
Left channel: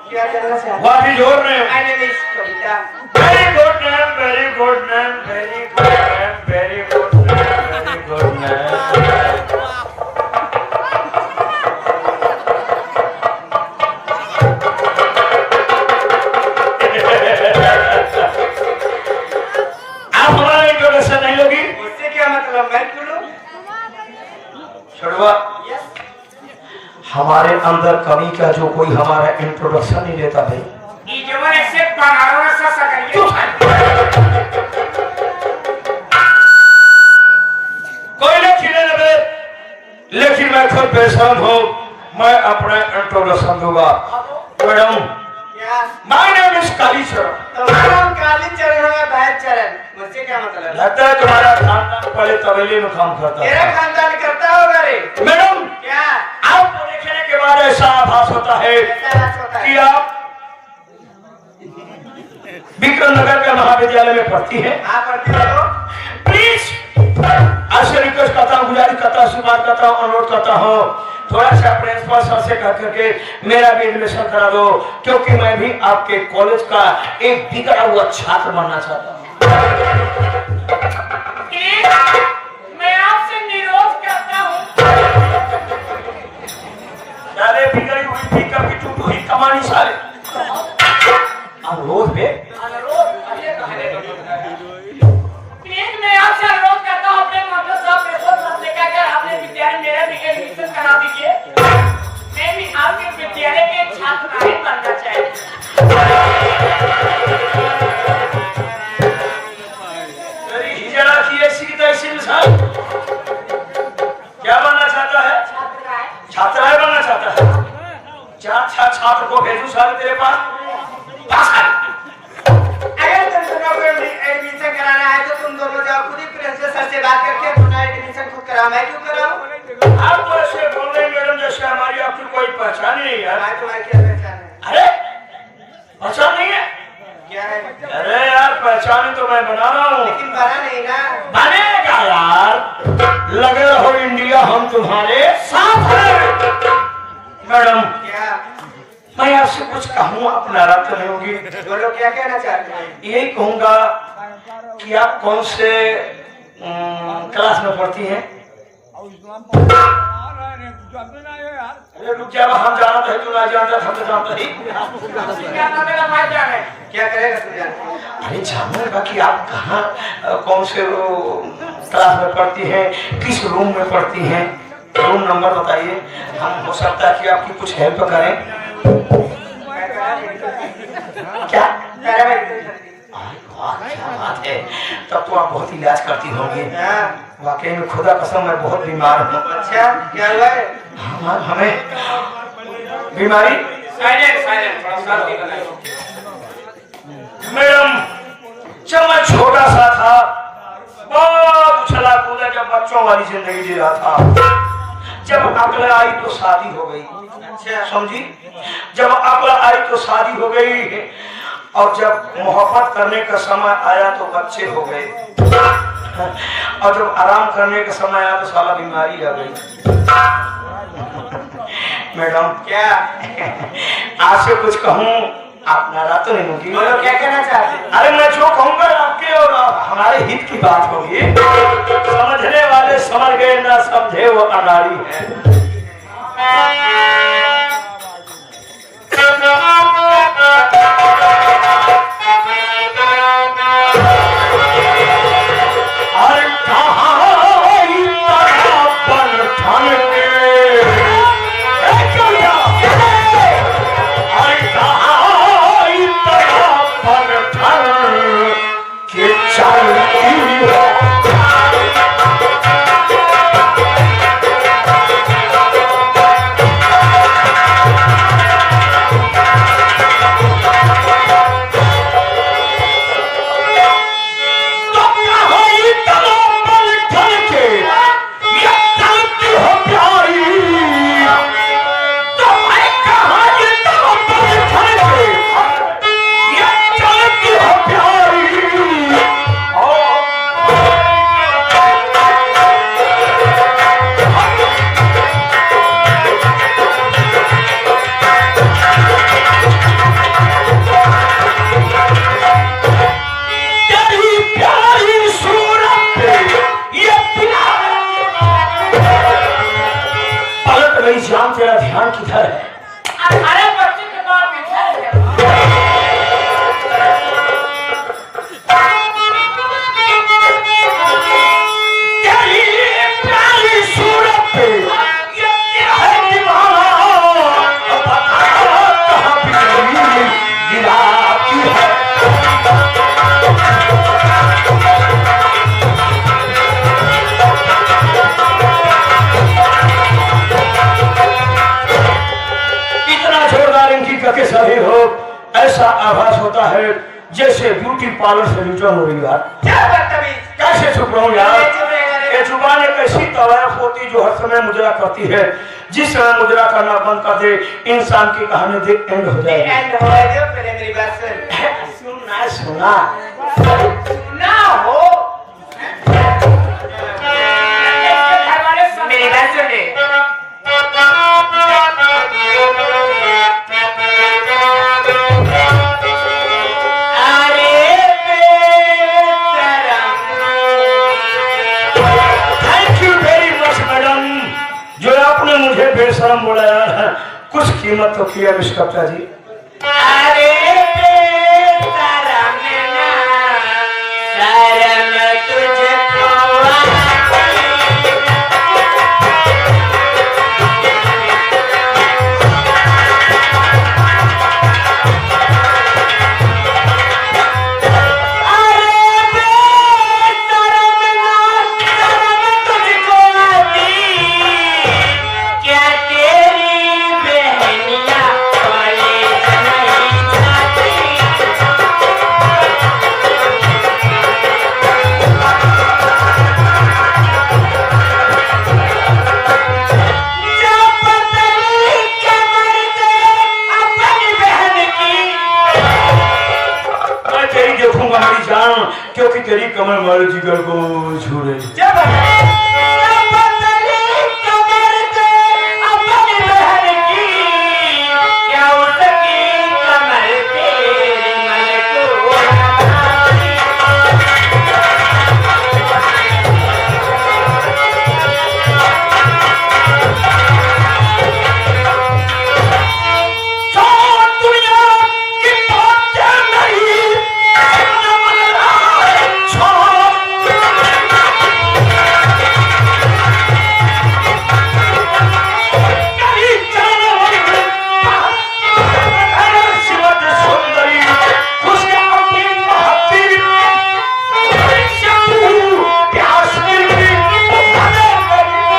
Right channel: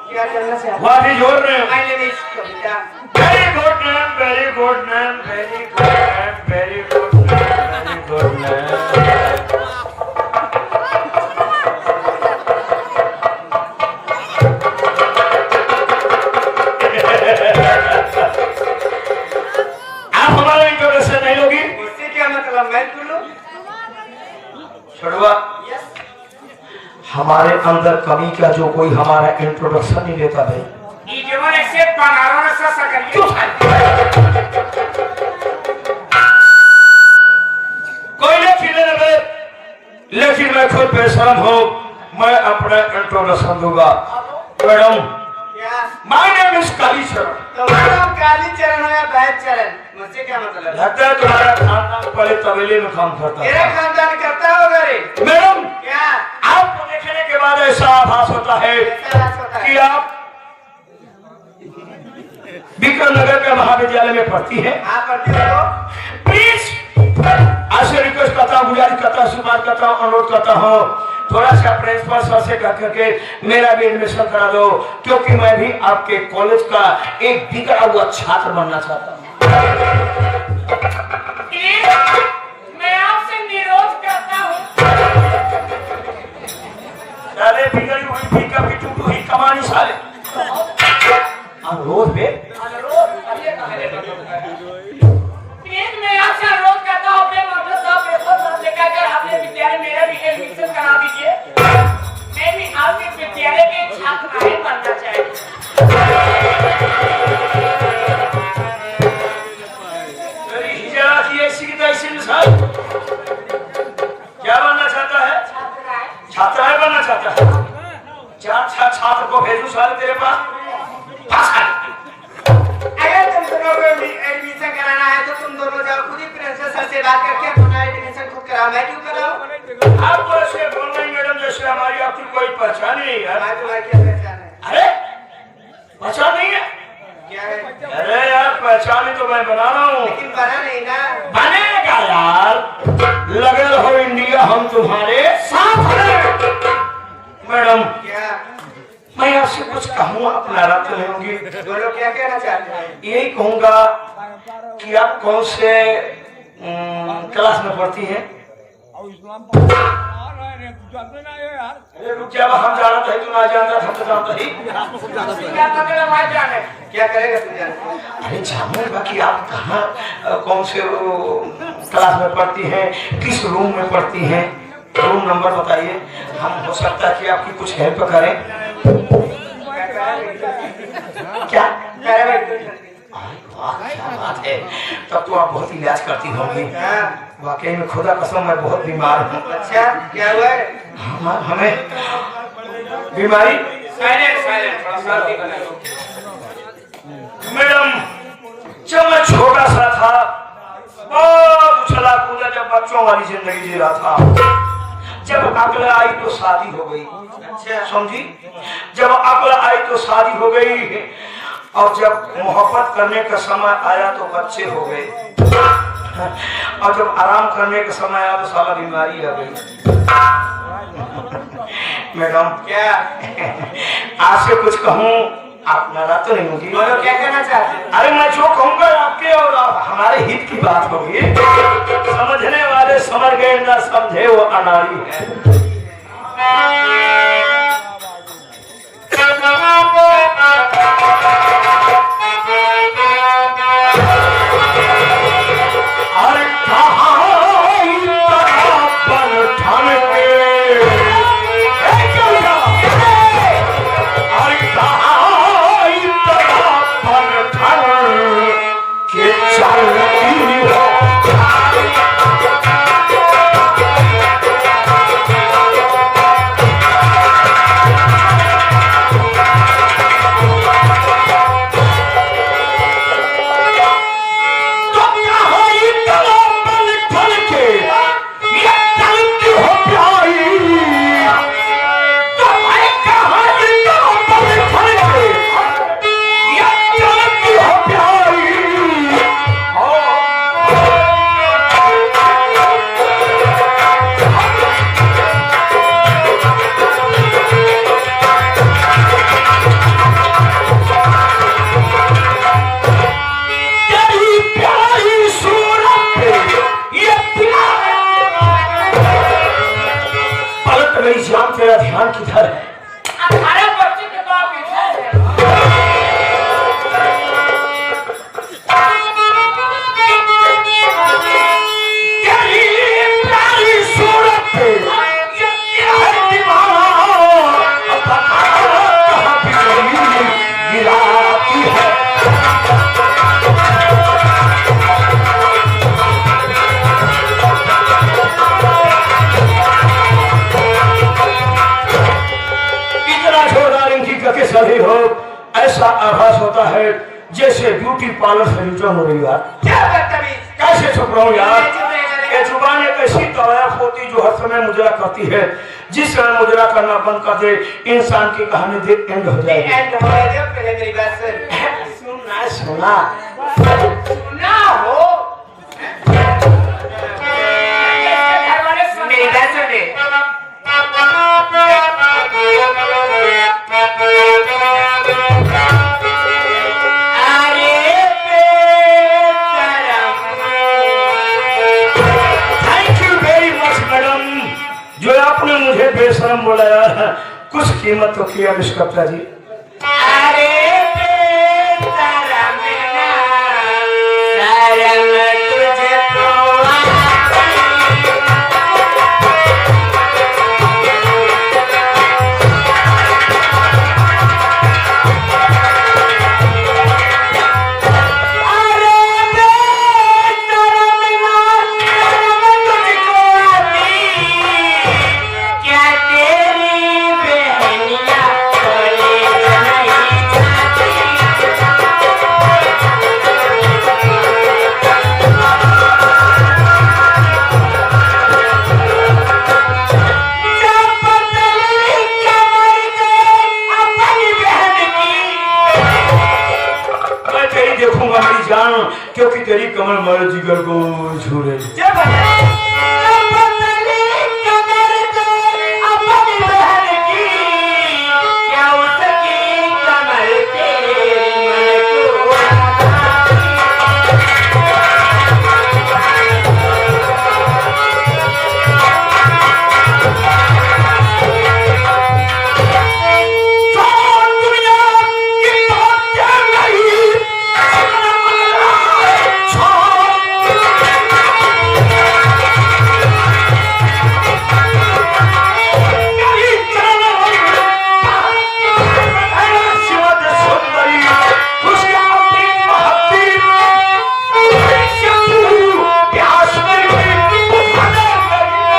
क्या करना चाहते what is your name? My name is Kavita. Very good name, very good name, very good name, very good name, very good name. आप हमारा इंट्रोडक्शन नहीं लोगी? उससे क्या मतलब, मैं क्यों लूं? छोड़वा, हमारे अंदर कमी का जो कोई हमारा इंट्रोडक्शन नहीं लेता भाई। ये जो ऐसे बनाओ ना ससा करिए। कोई लेखी नहीं लगे, लेकिन मैं खुद बेशरम हूँ, मैं अपना इंट्रोडक्शन दूंगा। मैडम, क्या? My name is Kalicharan. तुम्हारा नाम कालीचरण हो या भैंसचरण, मुझसे क्या मतलब? लगता है तुम्हारा खानदान पहले तबेले में काम करता मेरा है। खानदान करता होगा रे। मैडम, क्या? आपको देखने के बाद ऐसा आभास होता है ऐसा होता है? कि आप विक्रम नगर के महाविद्यालय में पढ़ती है। हाँ, पढ़ती हो। प्लीज ऐसे रिक्वेस्ट करता हूँ, गुजारिश करता हूँ, आशीर्वाद करता हूँ, अनुरोध करता हूँ, थोड़ा सा प्रिंसिपल सर से कह करके मेरा भी एडमिशन करा दो, क्योंकि मैं भी आपके कॉलेज का एक बिगड़ा हुआ छात्र बनना चाहता हूँ। प्लीज, मैं आपसे निरोध करता हूँ। अरे बिगड़ी हुई फिकर की टूटू ही कमानी साले। अनुरोध है, प्लीज, मैं आपसे अनुरोध करता हूँ, अपने मास्टर साहब प्रिंसिपल साहब से कहकर अपने विद्यालय में मेरा भी एडमिशन करा दीजिए। मैं भी आपके विद्यालय के छात्र नहीं बनना चाहती। मेरी हिजड़ा की ऐसी की तैसी मिसाल। क्या बनना चाहता है? छात्राएं बनना चाहता है। चार छात्र को भेजू साले तेरे पास। अगर तुम दोनों को एडमिशन कराना है तो तुम दोनों जाओ, खुद ही प्रिंसिपल सर से बात करके अपना एडमिशन खुद कराओ, मैं क्यों कराऊं? आप तो ऐसे बोल रहे हैं मैडम जैसे हमारी आपकी कोई पहचान नहीं है। मैं तुम्हारी क्या पहचान है? अरे पहचान नहीं है? क्या है? अरे यार पहचान तो मैं बना रहा हूँ। लेकिन बना नहीं ना। बनेगा यार, लगे रहो इंडिया हम तुम्हारे साथ हैं। मैडम, क्या? मैं आपसे कुछ कहूँ, आप नाराज तो नहीं होंगी? बोलो, क्या कहना चाहते हैं? यही कहूंगा कि आप कौन से क्लास में पढ़ती हैं? अरे रुक जा, हम जाना था, तू ना जानता, हम तो जानता ही। क्या मेरा भाई जान है? क्या करेगा तू जानते? अरे जानने बाकी आप कहाँ कौन से क्लास में पढ़ती हैं, किस रूम में पढ़ती हैं, रूम नंबर बताइए, हम हो सकता है कि आपकी कुछ हेल्प करें। क्या? वाह, क्या बात है, तब तो आप बहुत इलाज करती होंगी। हाँ। वाकई में खुदा कसम मैं बहुत बीमार हूँ। अच्छा, क्या हुआ है? हमें बीमारी मैडम, जब मैं छोटा सा था, बहुत उछला कूदा, जब बच्चों वाली जिंदगी जी रहा था, जब अकल आई तो शादी हो गई। अच्छा समझी, जब अकल आई तो शादी हो गई, और जब मोहब्बत करने का समय आया तो बच्चे हो गए, और जब आराम करने का समय आया तो साला बीमारी आ गई। मैडम, क्या? आज से कुछ कहूँ, आप नाराज तो नहीं होगी? बोलो, क्या कहना चाहते हैं? अरे मैं जो कहूँगा आपके और हमारे हित की बात होगी। समझने वाले समझ गए, ना समझे वो अनाड़ी है। मेरी जान तेरा ध्यान किधर है? अरे बच्चे के बाप इधर तेरी प्यारी सूरत पे ये है दीवाना, अब पता कहाँ बिजली गिराती है। इतना जोरदार इनकी गति सही हो, ऐसा आभास होता है जैसे ब्यूटी पार्लर से रिटर्न हो रही यार। क्या बदतमीज, कैसे चुप रहूं यार? ये जुबान एक ऐसी तवायफ होती जो हर समय मुजरा करती है। जिस समय मुजरा करना बंद कर दे, इंसान की कहानी दे एंड हो जाएगी। एंड हो गया। पहले मेरी बात सुन। सुना ना हो मेरी बात सुन ले। Thank you very much madam, जो आपने मुझे बेशरम बोला यार। कुछ कीमत तो किया विश्वकर्ता जी। अरे बेशरम शरम तुझे क्या तेरी बहनिया कॉलेज नहीं जाती? जब पतली कमर को अपनी बहन की मैं तेरी देखूंगा मेरी जान, क्योंकि तेरी कमर मारे जिगर को छू रही। जब पतली कमर को अपनी बहन की क्या उसकी कमर तेरी मन को लगाती? छोड़ दुनिया की बातें नहीं, छोड़। कहीं जाना अरे शिवद सुंदरी, उसके अपनी महत्ती शत्रु प्यास मेरी भजन मेरी।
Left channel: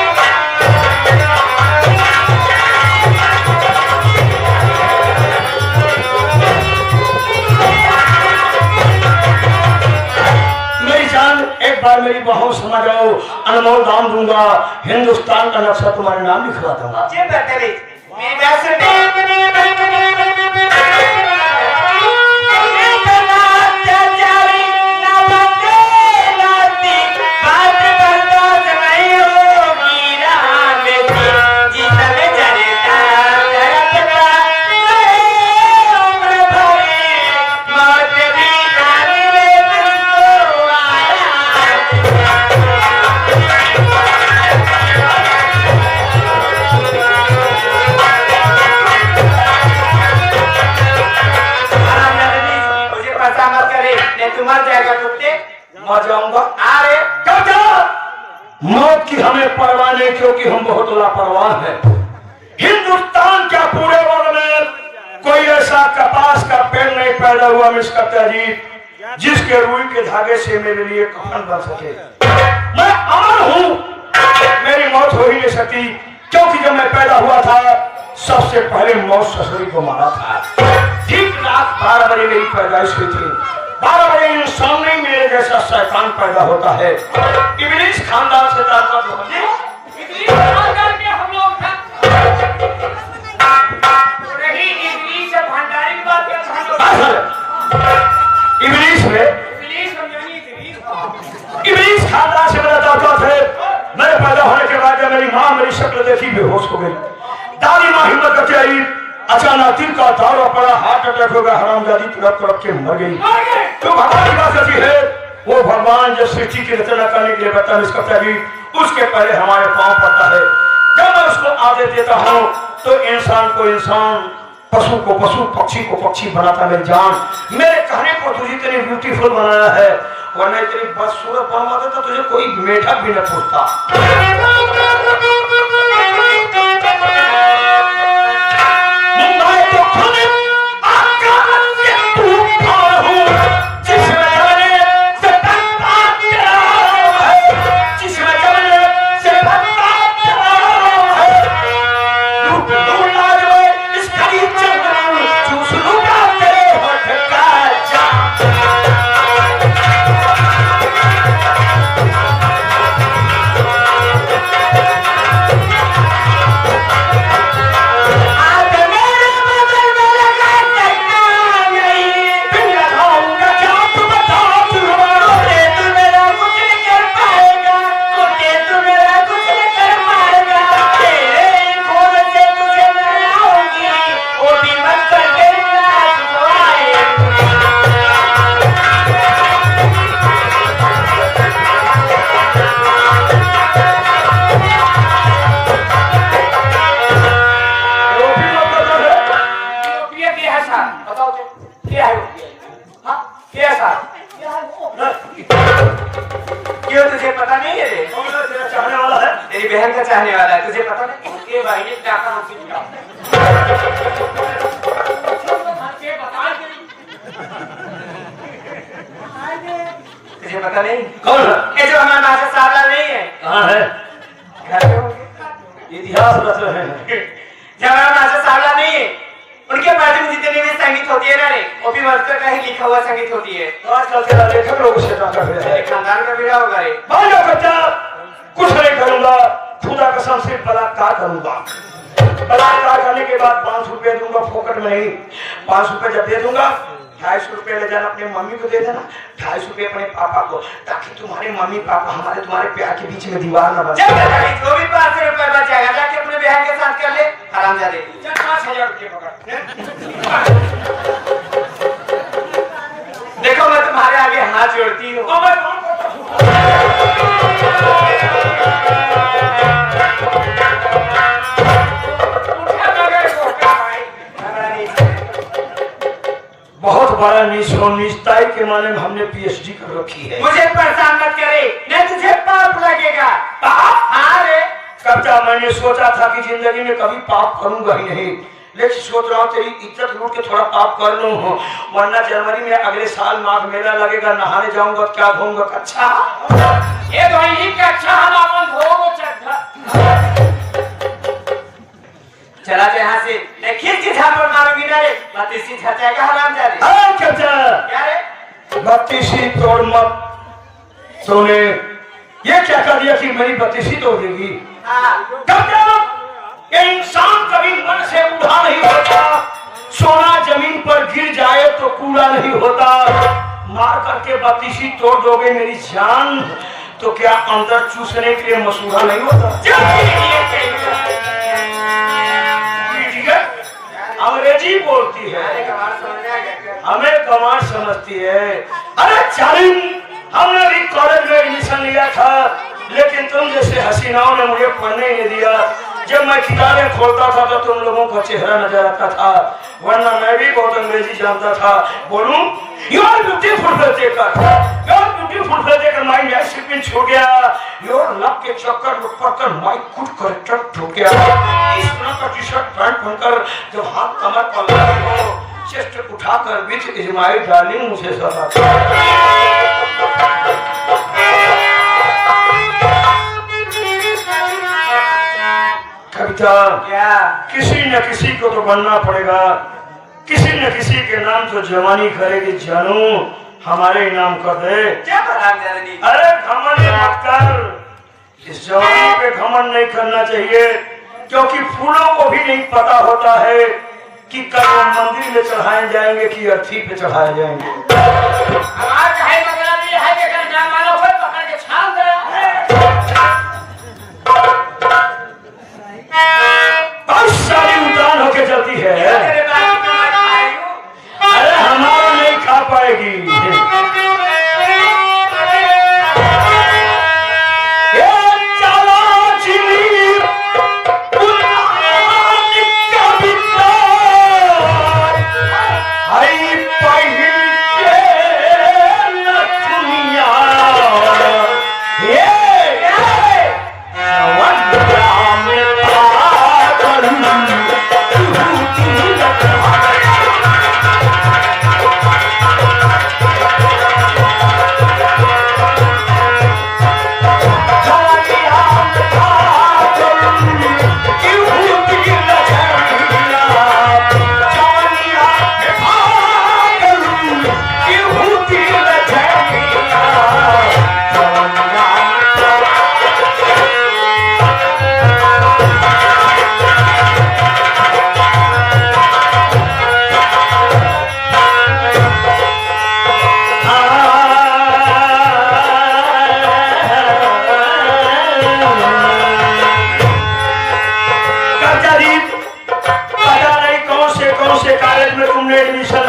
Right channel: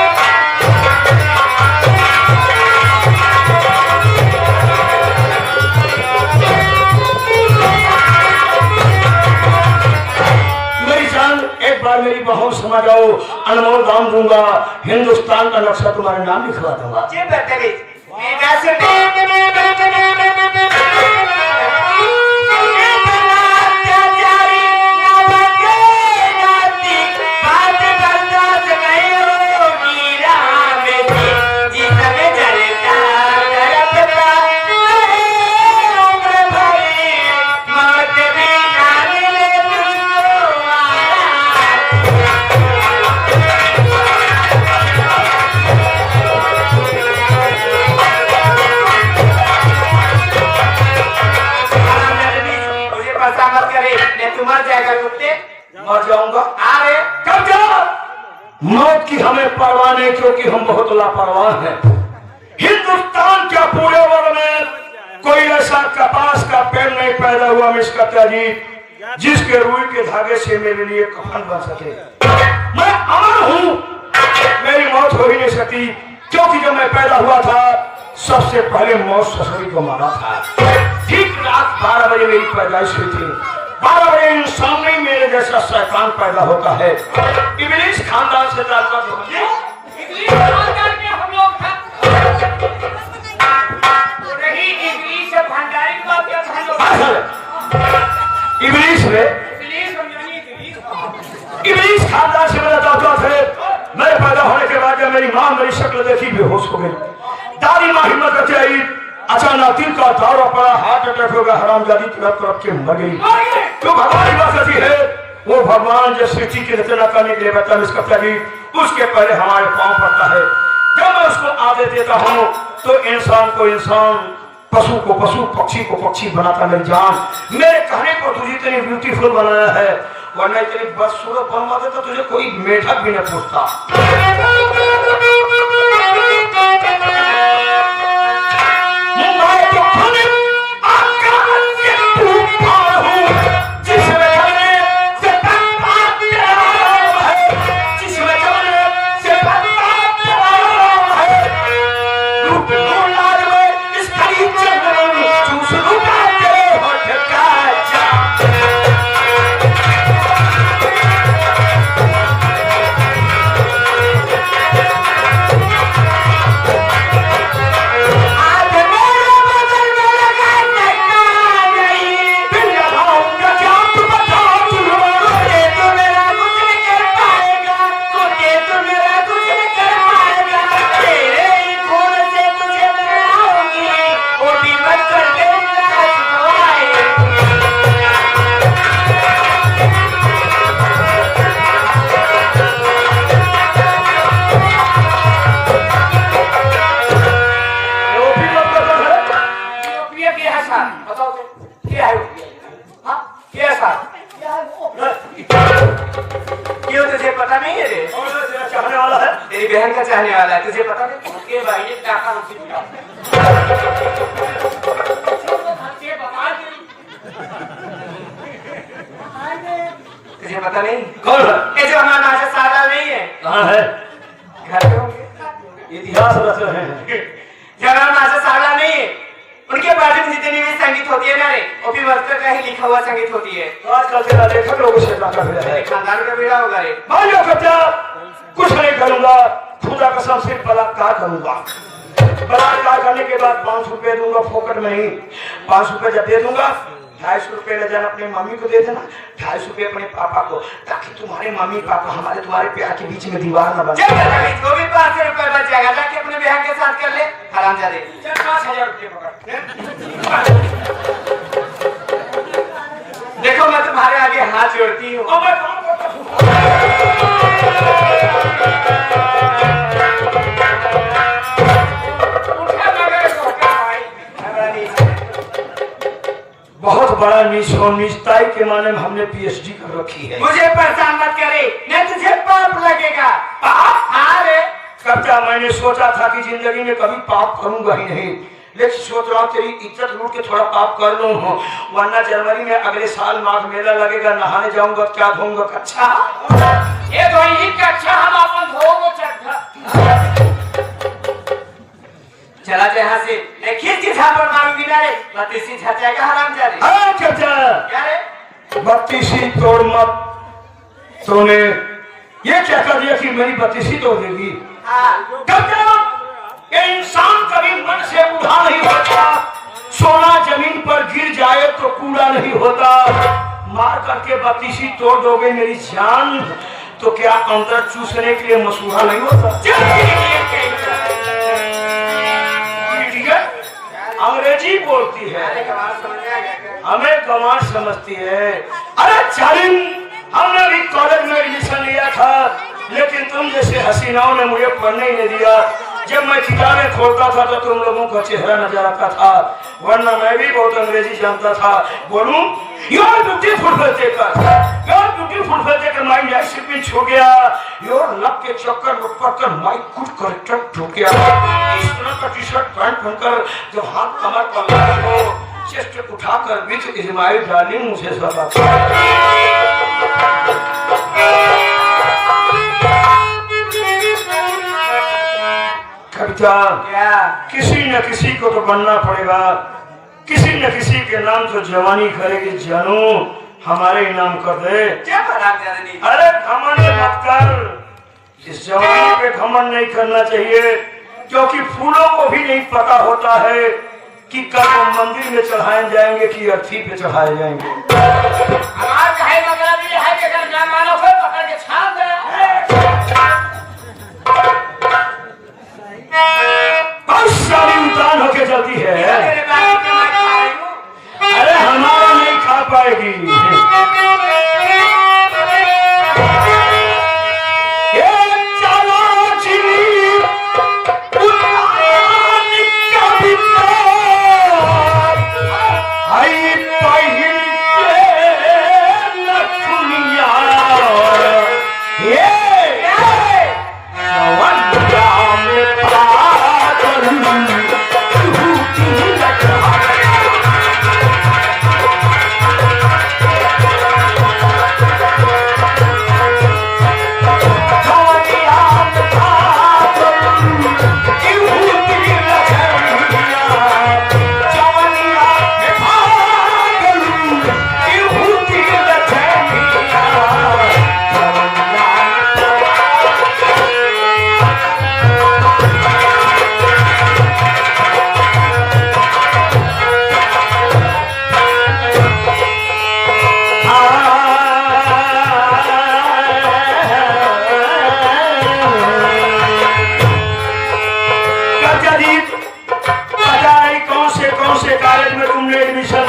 मेरी जान, एक बार मेरी बहू समझ जाओ, अनमोल दान दूंगा, हिंदुस्तान का नक्शा तुम्हारे नाम लिखवा दूंगा। ये बदतमीज, मेरी बात सुन। तुम्हारा जाएगा कुत्ते मर जाऊंगा। अरे कब जा? मौत की हमें परवाह नहीं, क्योंकि हम बहुत लापरवाह हैं। हिंदुस्तान का पूरे वर्ग में कोई ऐसा कपास का पेड़ नहीं पैदा हुआ मिस्कत्ता जी, जिसके रुई के धागे से मेरे लिए कफन बन सके। मैं अमर हूँ, मेरी मौत हो ही नहीं सकती, क्योंकि जब मैं पैदा हुआ था सबसे पहले मौत ससुरी को मारा था। ठीक रात 12 बजे मेरी पैदाइश हुई थी। 12 बजे इंसान नहीं मेरे जैसा शैतान पैदा होता है। इब्लीस खानदान से ताल्लुक होता है। इतनी बात करके हम लोग रही इबलीस से भंडारी की बात कर हम लोग इब्लीस में इबलीस हम जानी इबलीस इब्लीस खानदान से मेरा ताल्लुक है। मेरे पैदा होने के बाद जब मेरी माँ मेरी शक्ल देखी बेहोश हो गई। दादी माँ हिम्मत करके आई, अचानक दिल का दौरा पड़ा, हार्ट अटैक हो गया, हरामजादी तड़प तड़प के मर गई। तो भगवान की बात सच्ची है, वो भगवान जो सृष्टि की रचना करने के लिए बता इसका तभी उसके पहले हमारे पांव पड़ता है। जब मैं उसको आदेश देता हूँ तो इंसान को इंसान, पशु को पशु, पक्षी को पक्षी बनाता मेरी जान। मेरे कहने पर तुझे इतनी ब्यूटीफुल बनाया है, वरना इतनी बदसूरत बनवा देता तुझे कोई मेढक भी न पूछता। क्यों तुझे पता नहीं है रे? तेरा चाहने वाला है, तेरी बहन का चाहने वाला है, तुझे पता नहीं? ये भाई ने क्या कहा उसकी बुलाओ। तुझे पता नहीं? कौन है? ये जो हमारा मास्टर साहब नहीं है, कहाँ है? घर पे होंगे। इतिहास रच रहे हैं। जो हमारा मास्टर साहब नहीं है, उनके बारे में जितनी भी संगीत होती है ना रे, वो भी मास्टर का ही लिखा हुआ संगीत होती है। तो आजकल तेरा लेखक लोग से का है। खानदान का बेड़ा होगा रे। भाइयों बच्चा, कुछ नहीं करूंगा, खुदा कसम से बलात्कार करूंगा। बलात्कार करने के बाद 500 रुपए दूंगा, फोकट में नहीं। 500 रुपए जब दे दूंगा, 250 रुपए ले जाना अपने मम्मी को दे देना, 250 रुपए अपने पापा को, ताकि तुम्हारे मम्मी पापा हमारे तुम्हारे प्यार के बीच में दीवार न बन जाए। वो भी 500 रुपए बच जाएगा, जाके अपने बहन के साथ कर ले, आराम जा ले। 5000 रुपए पकड़। देखो मैं तुम्हारे आगे हाथ जोड़ती हूँ। बहुत बड़ा निष्ठाई के माने में हमने पीएचडी कर रखी है। मुझे परेशान मत करे, मैं तुझे पाप लगेगा। पाप? हाँ रे। कविता, मैंने सोचा था कि जिंदगी में कभी पाप करूंगा ही नहीं, लेकिन सोच रहा हूँ तेरी इज्जत लूट के थोड़ा पाप कर लूं, वरना जनवरी में अगले साल माघ मेला लगेगा, नहाने जाऊंगा, क्या धोऊंगा कच्छा। ये धोई कच्छा हम अपन धोगो चड्ढा। चला जा यहाँ से, मैं खिड़की झाड़ मारूंगी ना रे, बत्तीसी झचाएगा हराम जा रे। अरे चाचा, क्या रे? बत्तीसी तोड़ मत। तूने ये क्या कर दिया कि मेरी बत्तीसी तोड़ देगी? ये इंसान कभी मन से बूढ़ा नहीं होता, सोना जमीन पर गिर जाए तो कूड़ा नहीं होता। मार करके बत्तीसी तोड़ दोगे मेरी जान, तो क्या अंदर चूसने के लिए मसूहा नहीं होता? अंग्रेजी बोलती है, हमें गंवार समझती है। अरे चालिम, हमने भी कॉलेज में एडमिशन लिया था, लेकिन तुम जैसे हसीनाओं ने मुझे पढ़ने नहीं दिया। जब मैं किताबें खोलता था तो तुम लोगों का चेहरा नजर आता था, वरना मैं भी बहुत अंग्रेजी जानता था। बोलूं, योर ब्यूटीफुल माइंड डिसिप्लिन छूट गया, योर लक के चक्कर में पड़कर माय गुड करेक्टर टूट गया। इस तरह का टी शर्ट पैंट पहनकर जब हाथ कमर पर लगाए हो, चेस्ट उठाकर विच इज माय डार्लिंग मुझे सब कविता, किसी न किसी को तो बनना पड़ेगा, किसी न किसी के नाम तो जवानी करेगी। जानू हमारे नाम कर दे। क्या नहीं? अरे घमंड मत कर, इस जवानी पे घमंड नहीं करना चाहिए, क्योंकि फूलों को भी नहीं पता होता है कि कल मंदिर में चढ़ाए जाएंगे कि अर्थी पे चढ़ाए जाएंगे। उतान होके चलती है, अरे हमारा नहीं खा पाएगी। चाचा जी पता नहीं कौन से कॉलेज में तुमने एडमिशन